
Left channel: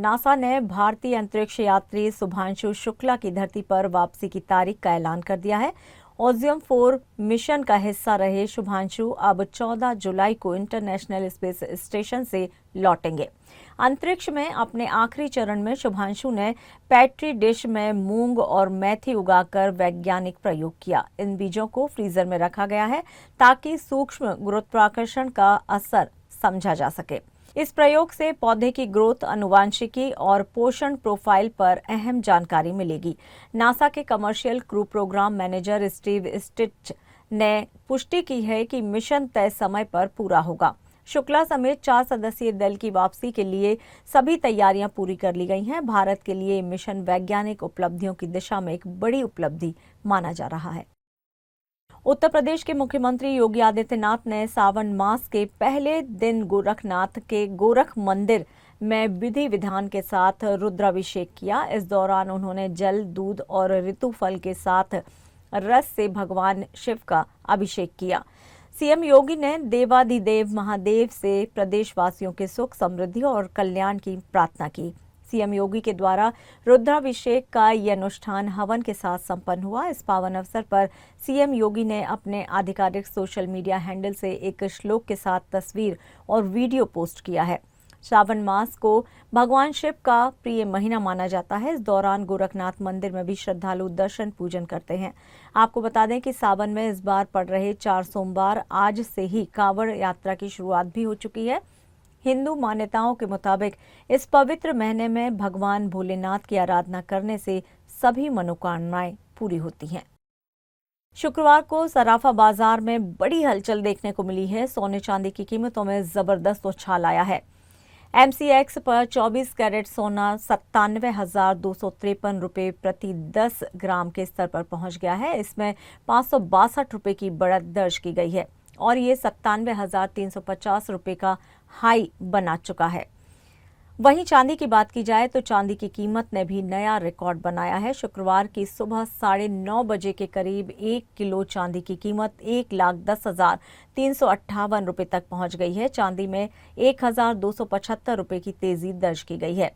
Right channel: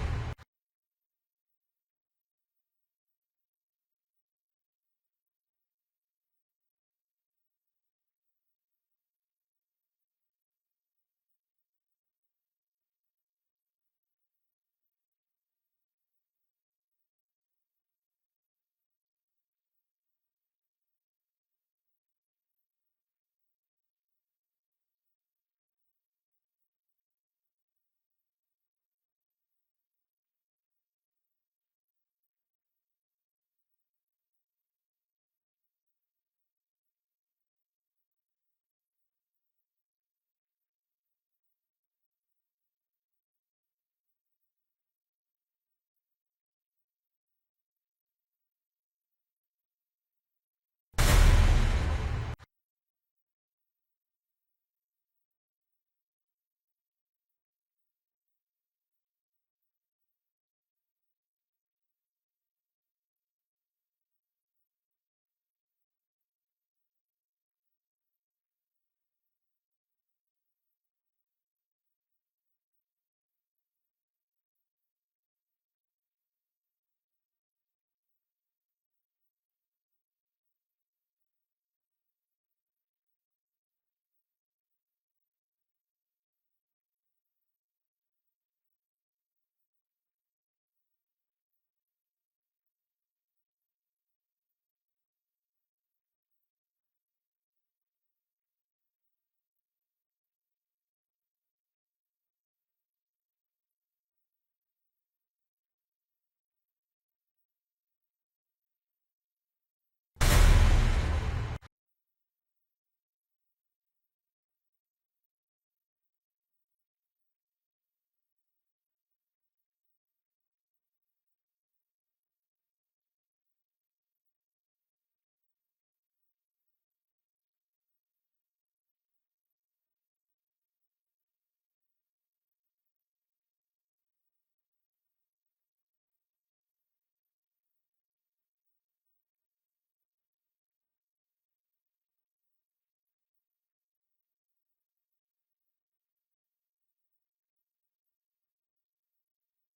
नासा ने भारतीय अंतरिक्ष यात्री शुभांशु शुक्ला की धरती पर वापसी की तारीख का ऐलान कर दिया है। ओजियम 4 मिशन का हिस्सा रहे शुभांशु अब 14 जुलाई को इंटरनेशनल स्पेस स्टेशन से लौटेंगे। अंतरिक्ष में अपने आखिरी चरण में शुभांशु ने पैट्री डिश में मूंग और मेथी उगाकर वैज्ञानिक प्रयोग किया। इन बीजों को फ्रीजर में रखा गया है ताकि सूक्ष्म गुरुत्वाकर्षण का असर समझा जा सके। इस प्रयोग से पौधे की ग्रोथ, आनुवांशिकी और पोषण प्रोफाइल पर अहम जानकारी मिलेगी। नासा के commercial crew programme manager Steve Stich ने पुष्टि की है कि मिशन तय समय पर पूरा होगा। शुक्ला समेत 4 सदस्यीय दल की वापसी के लिए सभी तैयारियां पूरी कर ली गई हैं। भारत के लिए मिशन वैज्ञानिक उपलब्धियों की दिशा में एक बड़ी उपलब्धि माना जा रहा है। उत्तर प्रदेश के मुख्यमंत्री योगी आदित्यनाथ ने सावन मास के पहले दिन गोरखनाथ के गोरख मंदिर में विधि विधान के साथ रुद्राभिषेक किया। इस दौरान उन्होंने जल, दूध और ऋतु फल के साथ रस से भगवान शिव का अभिषेक किया। सीएम योगी ने देवाधिदेव महादेव से प्रदेशवासियों के सुख, समृद्धि और कल्याण की प्रार्थना की। सीएम योगी के द्वारा रुद्राभिषेक का यह अनुष्ठान हवन के साथ संपन्न हुआ। इस पावन अवसर पर सीएम योगी ने अपने आधिकारिक सोशल मीडिया हैंडल से एक श्लोक के साथ तस्वीर और वीडियो पोस्ट किया है। श्रावण मास को भगवान शिव का प्रिय महीना माना जाता है। इस दौरान गोरखनाथ मंदिर में भी श्रद्धालु दर्शन पूजन करते हैं। आपको बता दें कि सावन में इस बार पड़ रहे 4 सोमवार आज से ही कांवड़ यात्रा की शुरुआत भी हो चुकी है। हिंदू मान्यताओं के मुताबिक इस पवित्र महीने में भगवान भोलेनाथ की आराधना करने से सभी मनोकामनाएं पूरी होती हैं। शुक्रवार को सराफा बाजार में बड़ी हलचल देखने को मिली है। सोने चांदी की कीमतों में जबरदस्त उछाल आया है। MCX पर 24 कैरेट सोना 97,253 रुपये प्रति 10 ग्राम के स्तर पर पहुंच गया है। इसमें 562 रुपये की बढ़त दर्ज की गई है और ये 97,350 रुपये का हाई बना चुका है। वहीं चांदी की बात की जाए तो चांदी की कीमत ने भी नया रिकॉर्ड बनाया है। शुक्रवार की सुबह 9:30 बजे के करीब 1 किलो चांदी की कीमत 1,10,358 रुपये तक पहुंच गई है। चांदी में 1,275 रुपये की तेजी दर्ज की गई है।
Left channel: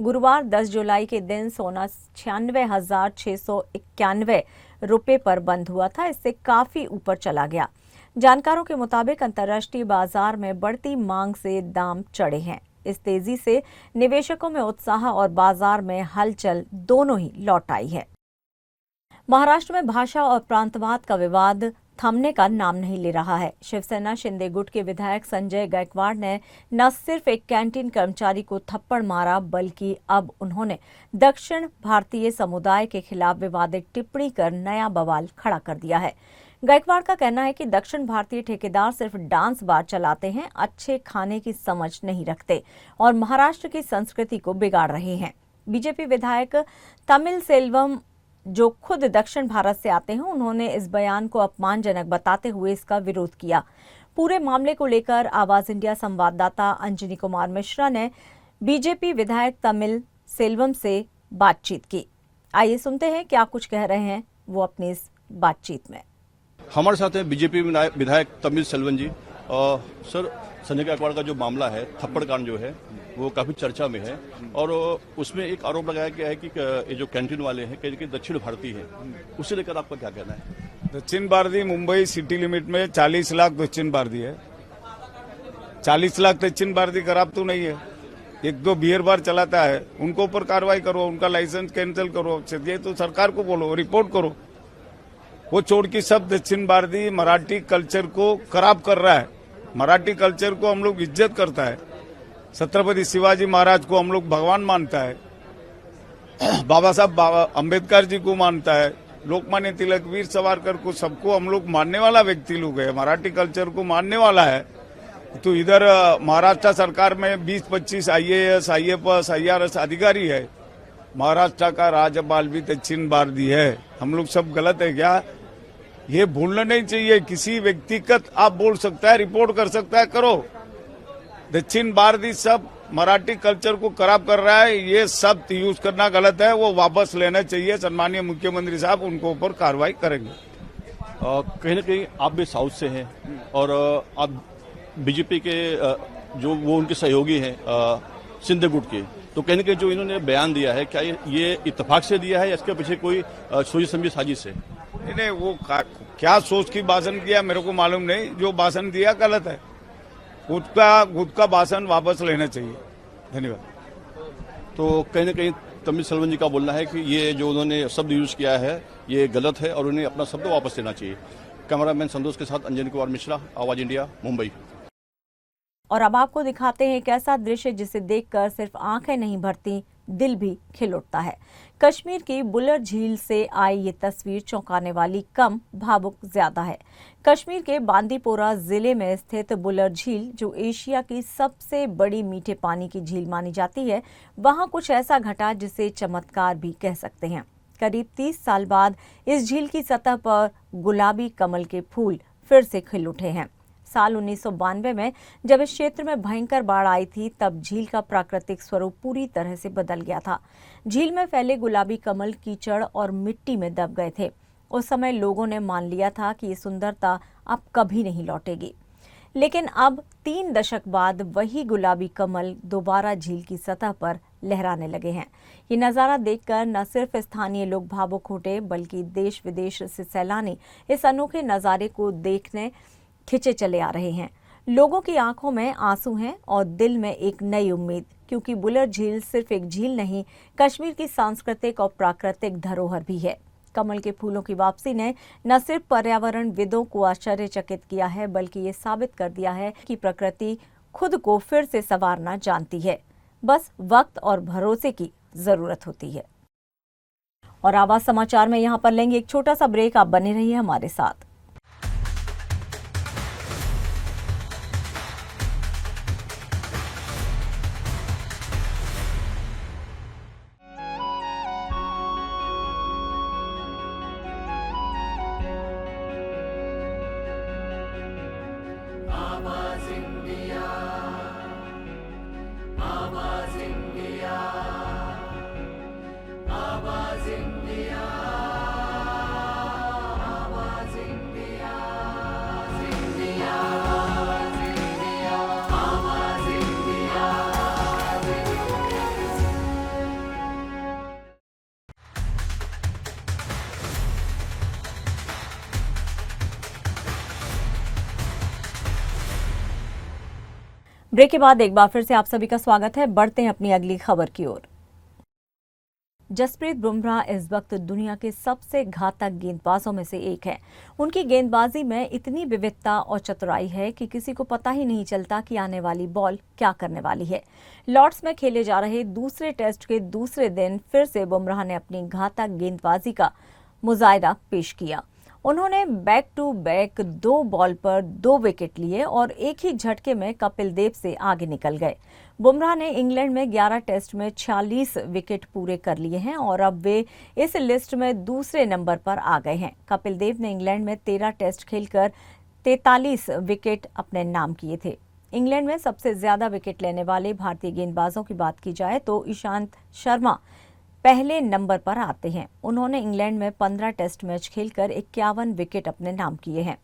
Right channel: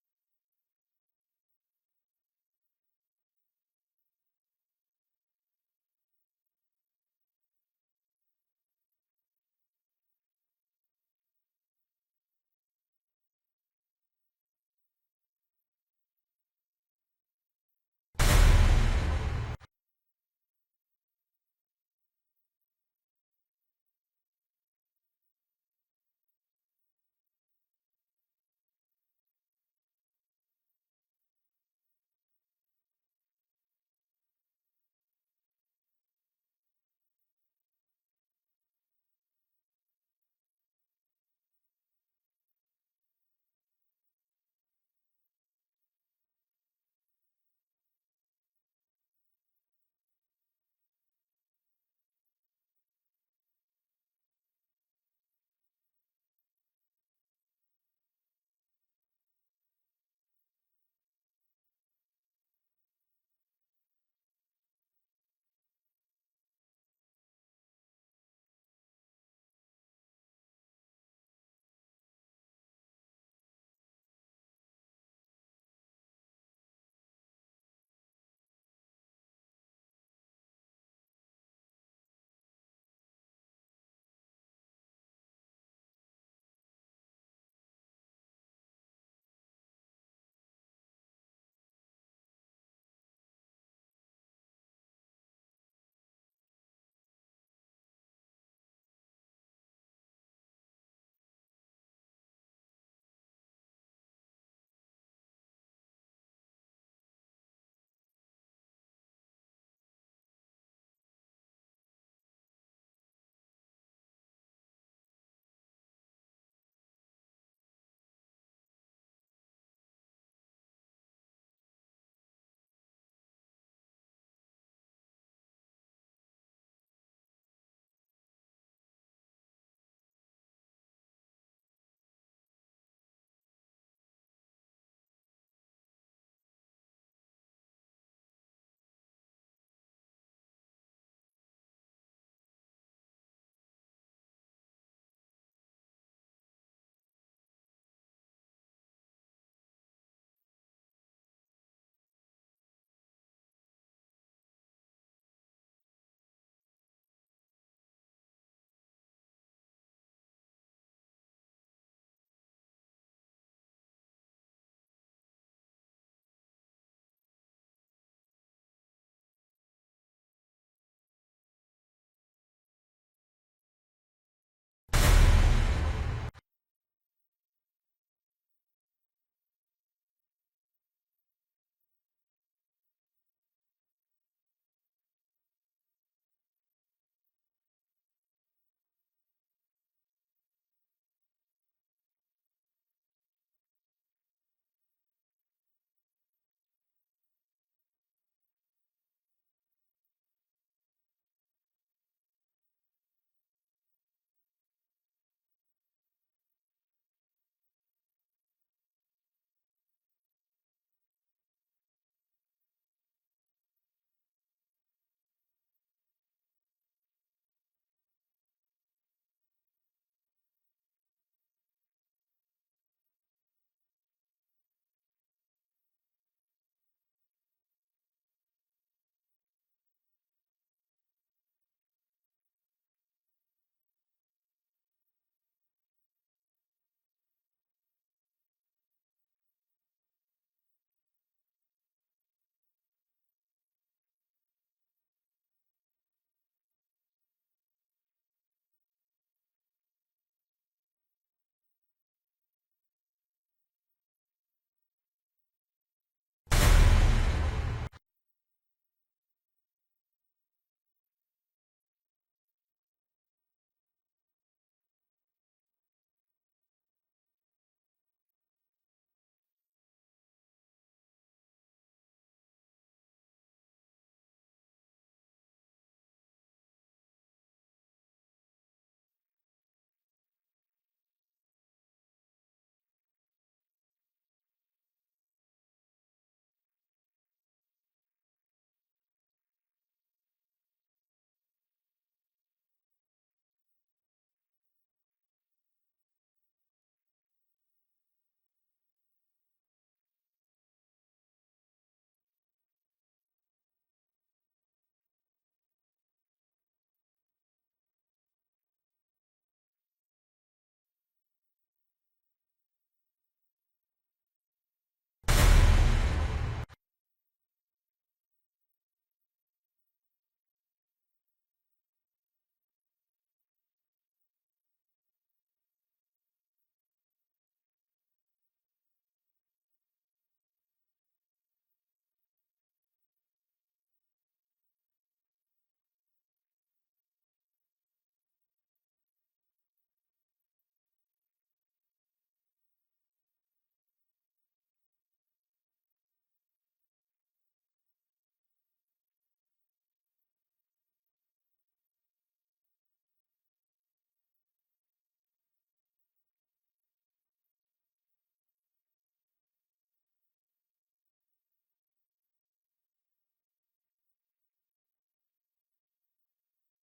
गुरुवार 10 जुलाई के दिन सोना 96,691 रुपये पर बंद हुआ था। इससे काफी ऊपर चला गया। जानकारों के मुताबिक अंतर्राष्ट्रीय बाजार में बढ़ती मांग से दाम चढ़े हैं। इस तेजी से निवेशकों में उत्साह और बाजार में हलचल दोनों ही लौट आई है। महाराष्ट्र में भाषा और प्रांतवाद का विवाद थमने का नाम नहीं ले रहा है। शिवसेना शिंदे गुट के विधायक संजय गायकवाड़ ने न सिर्फ एक कैंटीन कर्मचारी को थप्पड़ मारा, बल्कि अब उन्होंने दक्षिण भारतीय समुदाय के खिलाफ विवादित टिप्पणी कर नया बवाल खड़ा कर दिया है। गायकवाड़ का कहना है कि दक्षिण भारतीय ठेकेदार सिर्फ डांस बार चलाते हैं, अच्छे खाने की समझ नहीं रखते और महाराष्ट्र की संस्कृति को बिगाड़ रहे हैं। बीजेपी विधायक तमिल सेल्वम जो खुद दक्षिण भारत से आते हैं, उन्होंने इस बयान को अपमानजनक बताते हुए इसका विरोध किया। पूरे मामले को लेकर आवाज इंडिया संवाददाता अंजनी कुमार मिश्रा ने बीजेपी विधायक तमिल सेल्वम से बातचीत की। आइए सुनते हैं क्या कुछ कह रहे हैं वो अपनी इस बातचीत में। हमारे साथ हैं बीजेपी विधायक तमिल सेल्वन जी। सर, संजय गायकवाड़ का जो मामला है, थप्पड़ कांड जो है, वो काफी चर्चा में है और उसमें एक आरोप लगाया गया है कि ये जो कैंटीन वाले हैं कि दक्षिण भारतीय है, उसे लेकर आपका क्या कहना है? दक्षिण भारतीय मुंबई सिटी लिमिट में 40 लाख दक्षिण भारतीय है। 40 लाख दक्षिण भारतीय खराब तो नहीं है। एक दो बियर बार चलाता है, उनको ऊपर कार्रवाई करो, उनका लाइसेंस कैंसिल करो, ये तो सरकार को बोलो, रिपोर्ट करो। वो छोड़ के सब दक्षिण भारतीय मराठी कल्चर को खराब कर रहा है। मराठी कल्चर को हम लोग इज्जत करता है। छत्रपति शिवाजी महाराज को हम लोग भगवान मानता है, बाबा साहब अम्बेडकर जी को मानता है, लोकमान्य तिलक, वीर सावरकर को, सबको हम लोग मानने वाला व्यक्ति लोग है, मराठी कल्चर को मानने वाला है। तो इधर महाराष्ट्र सरकार में 20-25 IAS, IFS, IRS अधिकारी है। महाराष्ट्र का राज्यपाल भी दक्षिण भारतीय है। हम लोग सब गलत है क्या? ये भूलना नहीं चाहिए। किसी व्यक्तिगत आप बोल सकता है, रिपोर्ट कर सकता है, करो। दक्षिण भारतीय सब मराठी कल्चर को खराब कर रहा है, ये सब यूज करना गलत है, वो वापस लेना चाहिए। सम्मानीय मुख्यमंत्री साहब उनको ऊपर कार्रवाई करेंगे। कहीं ना कहीं आप भी साउथ से हैं और आप बीजेपी के जो वो उनके सहयोगी हैं सिंधे गुट के, तो कहीं ना कहीं जो इन्होंने बयान दिया है, क्या ये इत्तेफाक से दिया है या इसके पीछे कोई सोची समझी साजिश है? नहीं, वो क्या सोच की भाषण किया मेरे को मालूम नहीं। जो भाषण दिया गलत है, खुद का भाषण वापस लेना चाहिए। धन्यवाद। तो कहीं ना कहीं तमिल सेल्वन जी का बोलना है कि ये जो उन्होंने शब्द यूज किया है ये गलत है और उन्हें अपना शब्द वापस लेना चाहिए। कैमरामैन संतोष के साथ अंजनी कुमार मिश्रा, आवाज इंडिया, मुंबई। और अब आपको दिखाते हैं एक ऐसा दृश्य जिसे देखकर सिर्फ आंखें नहीं भरती, दिल भी खिल उठता है। कश्मीर की बुलर झील से आई ये तस्वीर चौंकाने वाली कम, भावुक ज्यादा है। कश्मीर के बांदीपोरा जिले में स्थित बुलर झील, जो एशिया की सबसे बड़ी मीठे पानी की झील मानी जाती है, वहां कुछ ऐसा घटा जिसे चमत्कार भी कह सकते हैं। करीब 30 साल बाद इस झील की सतह पर गुलाबी कमल के फूल फिर से खिल उठे हैं। साल 1992 में जब इस क्षेत्र में भयंकर बाढ़ आई थी, तब झील का प्राकृतिक स्वरूप पूरी तरह से बदल गया था। झील में फैले गुलाबी कमल कीचड़ और मिट्टी में दब गए थे। उस समय लोगों ने मान लिया था कि ये सुंदरता अब कभी नहीं लौटेगी। लेकिन अब 3 दशक बाद वही गुलाबी कमल दोबारा झील की सतह पर लहराने लगे हैं। ये नज़ारा देखकर न सिर्फ स्थानीय लोग भावुक उठे, बल्कि देश विदेश से सैलानी इस अनोखे नज़ारे को देखने खिंचे चले आ रहे हैं। लोगों की आंखों में आंसू हैं और दिल में एक नई उम्मीद, क्योंकि बुलर झील सिर्फ एक झील नहीं, कश्मीर की सांस्कृतिक और प्राकृतिक धरोहर भी है। कमल के फूलों की वापसी ने न सिर्फ पर्यावरणविदों को आश्चर्यचकित किया है, बल्कि ये साबित कर दिया है कि प्रकृति खुद को फिर से संवारना जानती है। बस वक्त और भरोसे की जरूरत होती है। और आवाज समाचार में यहाँ पर लेंगे एक छोटा सा ब्रेक। आप बने रहिए हमारे साथ। ब्रेक के बाद एक बार फिर से आप सभी का स्वागत है। बढ़ते हैं अपनी अगली खबर की ओर। जसप्रीत बुमराह इस वक्त दुनिया के सबसे घातक गेंदबाजों में से एक है। उनकी गेंदबाजी में इतनी विविधता और चतुराई है कि किसी को पता ही नहीं चलता कि आने वाली बॉल क्या करने वाली है। लॉर्ड्स में खेले जा रहे दूसरे टेस्ट के दूसरे दिन फिर से बुमराह ने अपनी घातक गेंदबाजी का मुजाहिरा पेश किया। उन्होंने बैक टू बैक 2 बॉल पर 2 विकेट लिए और एक ही झटके में कपिल देव से आगे निकल गए। बुमराह ने इंग्लैंड में 11 टेस्ट में 46 विकेट पूरे कर लिए हैं और अब वे इस लिस्ट में दूसरे नंबर पर आ गए हैं। कपिल देव ने इंग्लैंड में 13 टेस्ट खेलकर 43 विकेट अपने नाम किए थे। इंग्लैंड में सबसे ज्यादा विकेट लेने वाले भारतीय गेंदबाजों की बात की जाए तो ईशांत शर्मा पहले नंबर पर आते हैं। उन्होंने इंग्लैंड में 15 टेस्ट मैच खेलकर 51 विकेट अपने नाम किए हैं।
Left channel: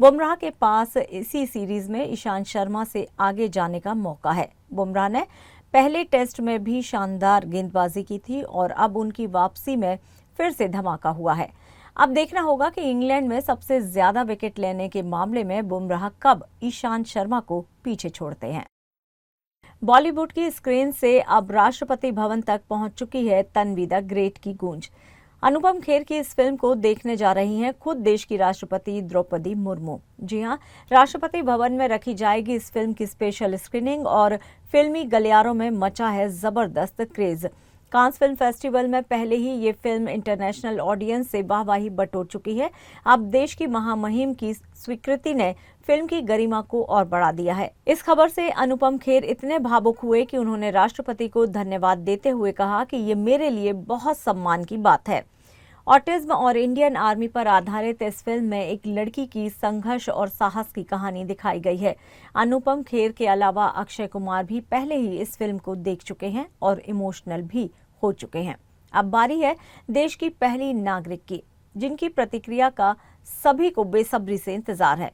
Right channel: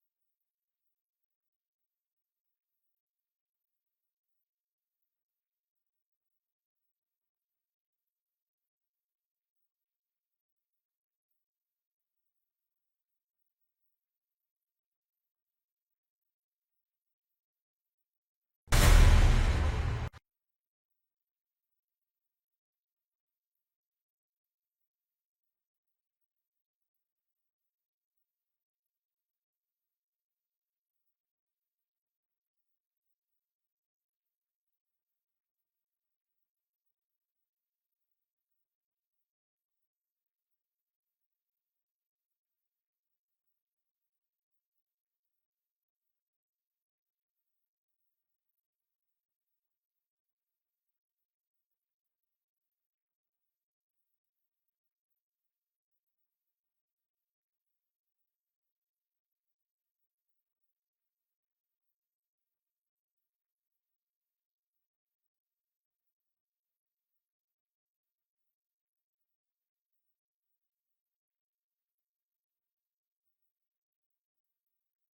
बुमराह के पास इसी सीरीज में ईशांत शर्मा से आगे जाने का मौका है। बुमराह ने पहले टेस्ट में भी शानदार गेंदबाजी की थी और अब उनकी वापसी में फिर से धमाका हुआ है। अब देखना होगा कि इंग्लैंड में सबसे ज्यादा विकेट लेने के मामले में बुमराह कब ईशांत शर्मा को पीछे छोड़ते हैं। बॉलीवुड की स्क्रीन से अब राष्ट्रपति भवन तक पहुंच चुकी है तन्वी द ग्रेट की गूंज। अनुपम खेर की इस फिल्म को देखने जा रही हैं खुद देश की राष्ट्रपति द्रौपदी मुर्मू। जी हां, राष्ट्रपति भवन में रखी जाएगी इस फिल्म की स्पेशल स्क्रीनिंग और फिल्मी गलियारों में मचा है जबरदस्त क्रेज। कांस फिल्म फेस्टिवल में पहले ही ये फिल्म इंटरनेशनल ऑडियंस से वाहवाही बटोर चुकी है। अब देश की महामुहिम की स्वीकृति ने फिल्म की गरिमा को और बढ़ा दिया है। इस खबर से अनुपम खेर इतने भावुक हुए कि उन्होंने राष्ट्रपति को धन्यवाद देते हुए कहा कि ये मेरे लिए बहुत सम्मान की बात है। ऑटिज्म और इंडियन आर्मी पर आधारित इस फिल्म में एक लड़की की संघर्ष और साहस की कहानी दिखाई गई है। अनुपम खेर के अलावा अक्षय कुमार भी पहले ही इस फिल्म को देख चुके हैं और इमोशनल भी हो चुके हैं। अब बारी है देश की पहली नागरिक की, जिनकी प्रतिक्रिया का सभी को बेसब्री से इंतजार है।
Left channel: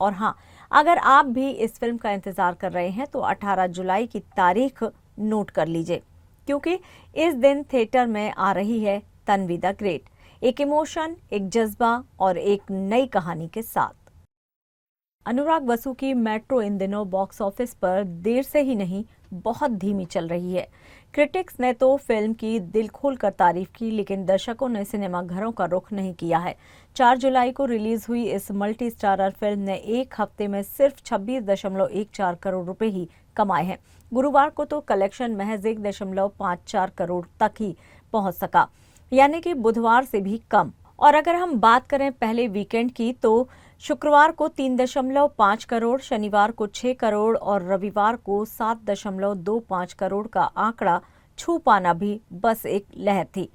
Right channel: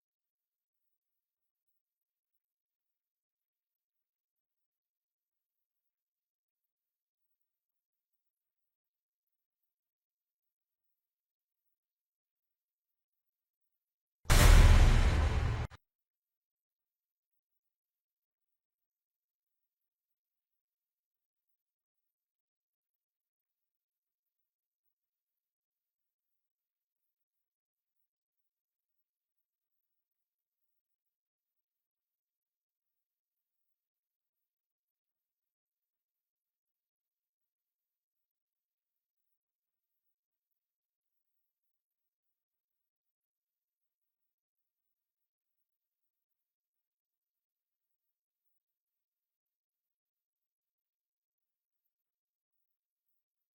और हाँ, अगर आप भी इस फिल्म का इंतजार कर रहे हैं तो 18 जुलाई की तारीख नोट कर लीजिए, क्योंकि इस दिन थिएटर में आ रही है तन्वी द ग्रेट, एक इमोशन, एक जज्बा और एक नई कहानी के साथ। अनुराग बसु की मेट्रो इन दिनों बॉक्स ऑफिस पर देर से ही नहीं, बहुत धीमी चल रही है। क्रिटिक्स ने तो फिल्म की दिल खोलकर तारीफ की, लेकिन दर्शकों ने सिनेमा घरों का रुख नहीं किया है। 4 जुलाई को रिलीज हुई इस मल्टी स्टारर फिल्म ने एक हफ्ते में सिर्फ 26.14 करोड़ रुपए ही कमाए हैं। गुरुवार को तो कलेक्शन महज 1.54 करोड़ तक ही पहुंच सका, यानी कि बुधवार से भी कम। और अगर हम बात करें पहले वीकेंड की, तो शुक्रवार को 3.5 करोड़, शनिवार को 6 करोड़ और रविवार को 7.25 करोड़ का आंकड़ा छू पाना भी बस एक लहर थी,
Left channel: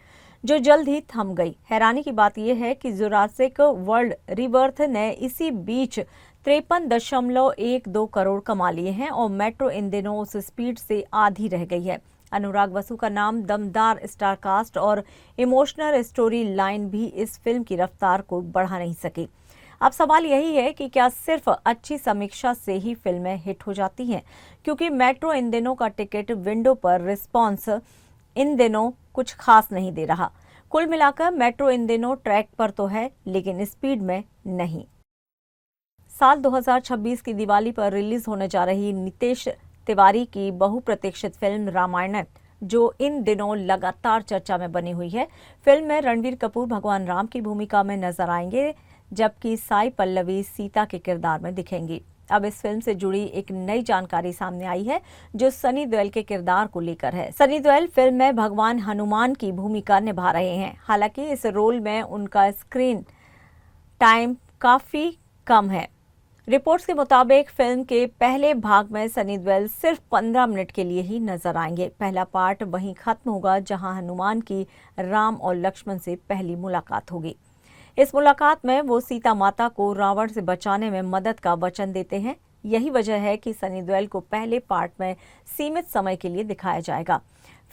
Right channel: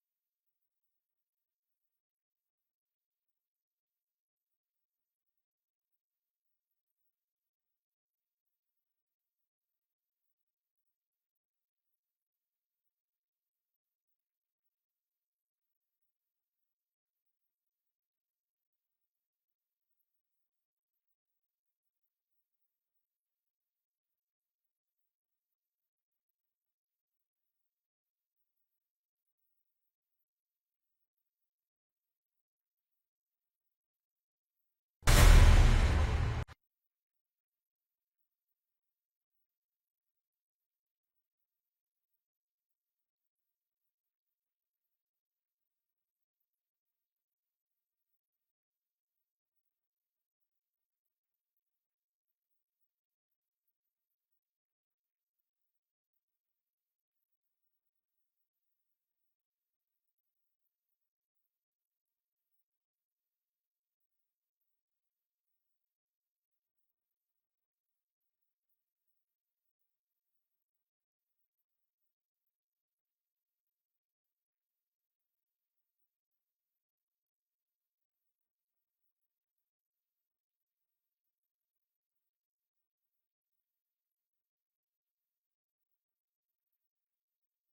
जो जल्द ही थम गई। हैरानी की बात यह है कि जुरासिक वर्ल्ड रिबर्थ ने इसी बीच 53.12 करोड़ कमा लिए हैं और मेट्रो इन दिनों उस स्पीड से आधी रह गई है। अनुराग बसु का नाम, दमदार स्टारकास्ट और इमोशनल स्टोरी लाइन भी इस फिल्म की रफ्तार को बढ़ा नहीं सकी। अब सवाल यही है कि क्या सिर्फ अच्छी समीक्षा से ही फिल्में हिट हो जाती हैं, क्योंकि मेट्रो इन दिनों का टिकट विंडो पर रिस्पॉन्स इन दिनों कुछ खास नहीं दे रहा। कुल मिलाकर मेट्रो इन दिनों ट्रैक पर तो है, लेकिन स्पीड में नहीं। साल 2026 की दिवाली पर रिलीज होने जा रही नितेश तिवारी की बहुप्रतीक्षित फिल्म रामायण, जो इन दिनों लगातार चर्चा में बनी हुई है। फिल्म में रणवीर कपूर भगवान राम की भूमिका में नजर आएंगे, जबकि साई पल्लवी सीता के किरदार में दिखेंगी। अब इस फिल्म से जुड़ी एक नई जानकारी सामने आई है, जो सनी देओल के किरदार को लेकर है। सनी देओल फिल्म में भगवान हनुमान की भूमिका निभा रहे हैं। हालांकि इस रोल में उनका स्क्रीन टाइम काफी कम है। रिपोर्ट्स के मुताबिक फिल्म के पहले भाग में सनी देओल सिर्फ 15 मिनट के लिए ही नजर आएंगे। पहला पार्ट वहीं खत्म होगा जहां हनुमान की राम और लक्ष्मण से पहली मुलाकात होगी। इस मुलाकात में वो सीता माता को रावण से बचाने में मदद का वचन देते हैं। यही वजह है कि सनी देओल को पहले पार्ट में सीमित समय के लिए दिखाया जाएगा।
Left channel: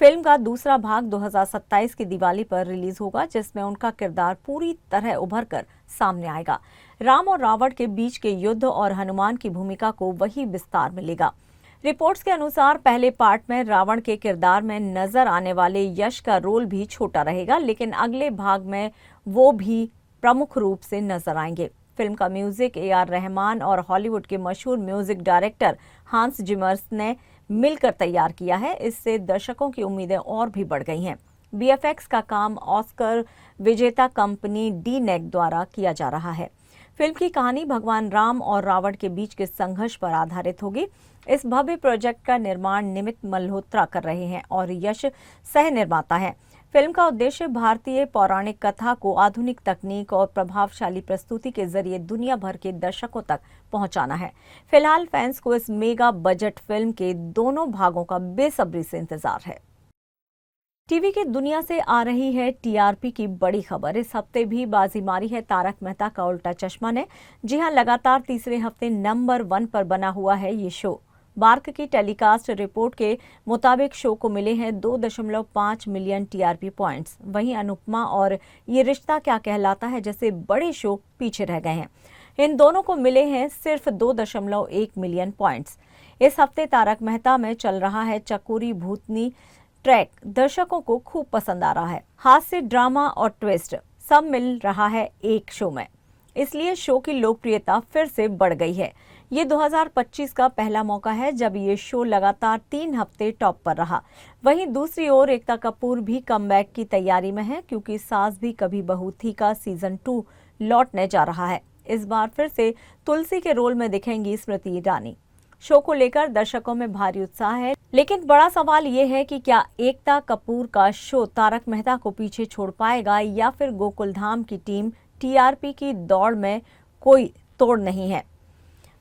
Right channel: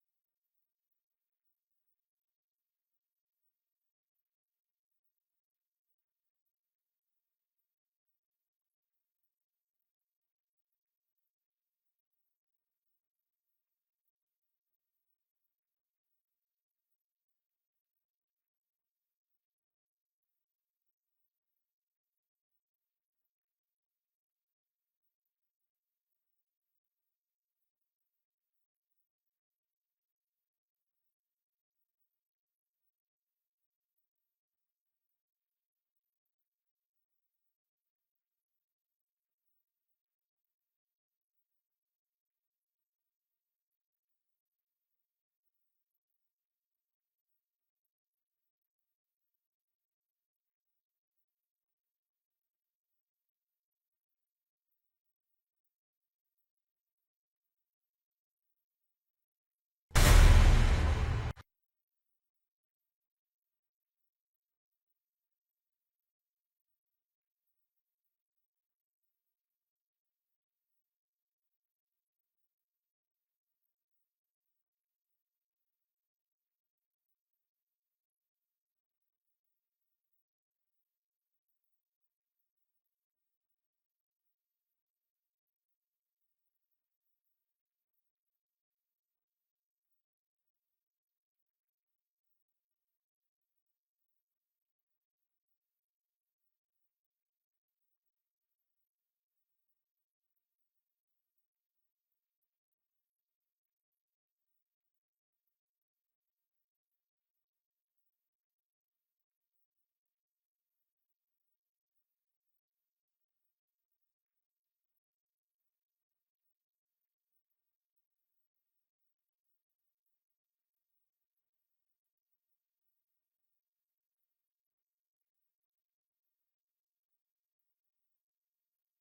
फिल्म का दूसरा भाग 2027 की दिवाली पर रिलीज होगा, जिसमें उनका किरदार पूरी तरह उभर कर सामने आएगा। राम और रावण के बीच के युद्ध और हनुमान की भूमिका को वही विस्तार मिलेगा। रिपोर्ट्स के अनुसार पहले पार्ट में रावण के किरदार में नजर आने वाले यश का रोल भी छोटा रहेगा, लेकिन अगले भाग में वो भी प्रमुख रूप से नजर आएंगे। फिल्म का म्यूजिक AR रहमान और हॉलीवुड के मशहूर म्यूजिक डायरेक्टर हांस जिमर्स ने मिलकर तैयार किया है। इससे दर्शकों की उम्मीदें और भी बढ़ गई हैं। VFX का काम ऑस्कर विजेता कंपनी DNEG द्वारा किया जा रहा है। फिल्म की कहानी भगवान राम और रावण के बीच के संघर्ष पर आधारित होगी। इस भव्य प्रोजेक्ट का निर्माण निमित मल्होत्रा कर रहे हैं और यश सह निर्माता है। फिल्म का उद्देश्य भारतीय पौराणिक कथा को आधुनिक तकनीक और प्रभावशाली प्रस्तुति के जरिए दुनिया भर के दर्शकों तक पहुंचाना है। फिलहाल फैंस को इस मेगा बजट फिल्म के दोनों भागों का बेसब्री से इंतजार है। टीवी की दुनिया से आ रही है टीआरपी की बड़ी खबर। इस हफ्ते भी बाजी मारी है तारक मेहता का उल्टा चश्मा ने। जी हां, लगातार तीसरे हफ्ते नंबर 1 पर बना हुआ है ये शो। बार्क की टेलीकास्ट रिपोर्ट के मुताबिक शो को मिले हैं 2.5 मिलियन टीआरपी पॉइंट्स। वहीं अनुपमा और ये रिश्ता क्या कहलाता है जैसे बड़े शो पीछे रह गए हैं। इन दोनों को मिले हैं सिर्फ 2.1 मिलियन पॉइंट्स। इस हफ्ते तारक मेहता में चल रहा है चकोरी भूतनी ट्रैक दर्शकों को खूब पसंद आ रहा है। हास्य, ड्रामा और ट्विस्ट सब मिल रहा है एक शो में, इसलिए शो की लोकप्रियता फिर से बढ़ गई है। ये 2025 का पहला मौका है जब ये शो लगातार 3 हफ्ते टॉप पर रहा। वहीं दूसरी ओर एकता कपूर भी कमबैक की तैयारी में है, क्योंकि सास भी कभी बहू थी का सीजन 2 लौटने जा रहा है। इस बार फिर से तुलसी के रोल में दिखेंगी स्मृति ईरानी। शो को लेकर दर्शकों में भारी उत्साह है, लेकिन बड़ा सवाल ये है कि क्या एकता कपूर का शो तारक मेहता को पीछे छोड़ पाएगा या फिर गोकुलधाम की टीम टीआरपी की दौड़ में कोई तोड़ नहीं है।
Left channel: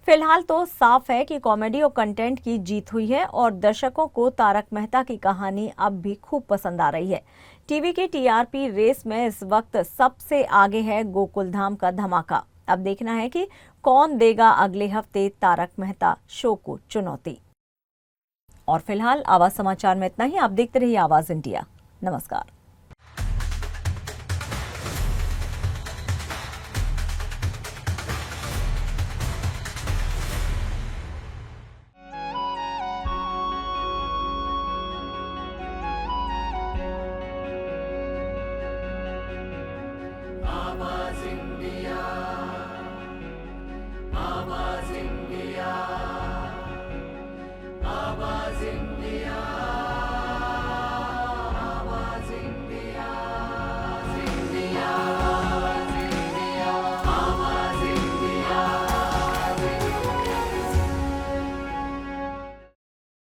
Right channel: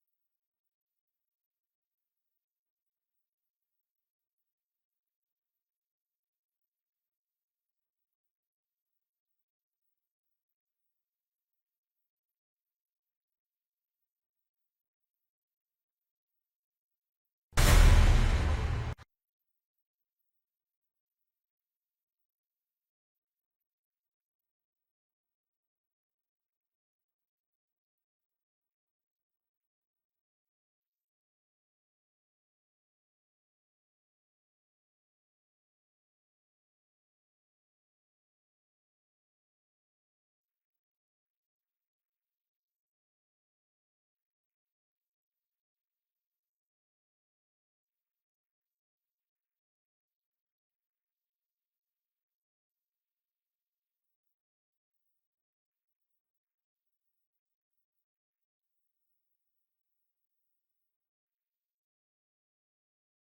फिलहाल तो साफ है कि कॉमेडी और कंटेंट की जीत हुई है और दर्शकों को तारक मेहता की कहानी अब भी खूब पसंद आ रही है। टीवी की टीआरपी रेस में इस वक्त सबसे आगे है गोकुलधाम का धमाका। अब देखना है कि कौन देगा अगले हफ्ते तारक मेहता शो को चुनौती। और फिलहाल आवाज समाचार में इतना ही। आप देखते रहिए आवाज इंडिया। नमस्कार।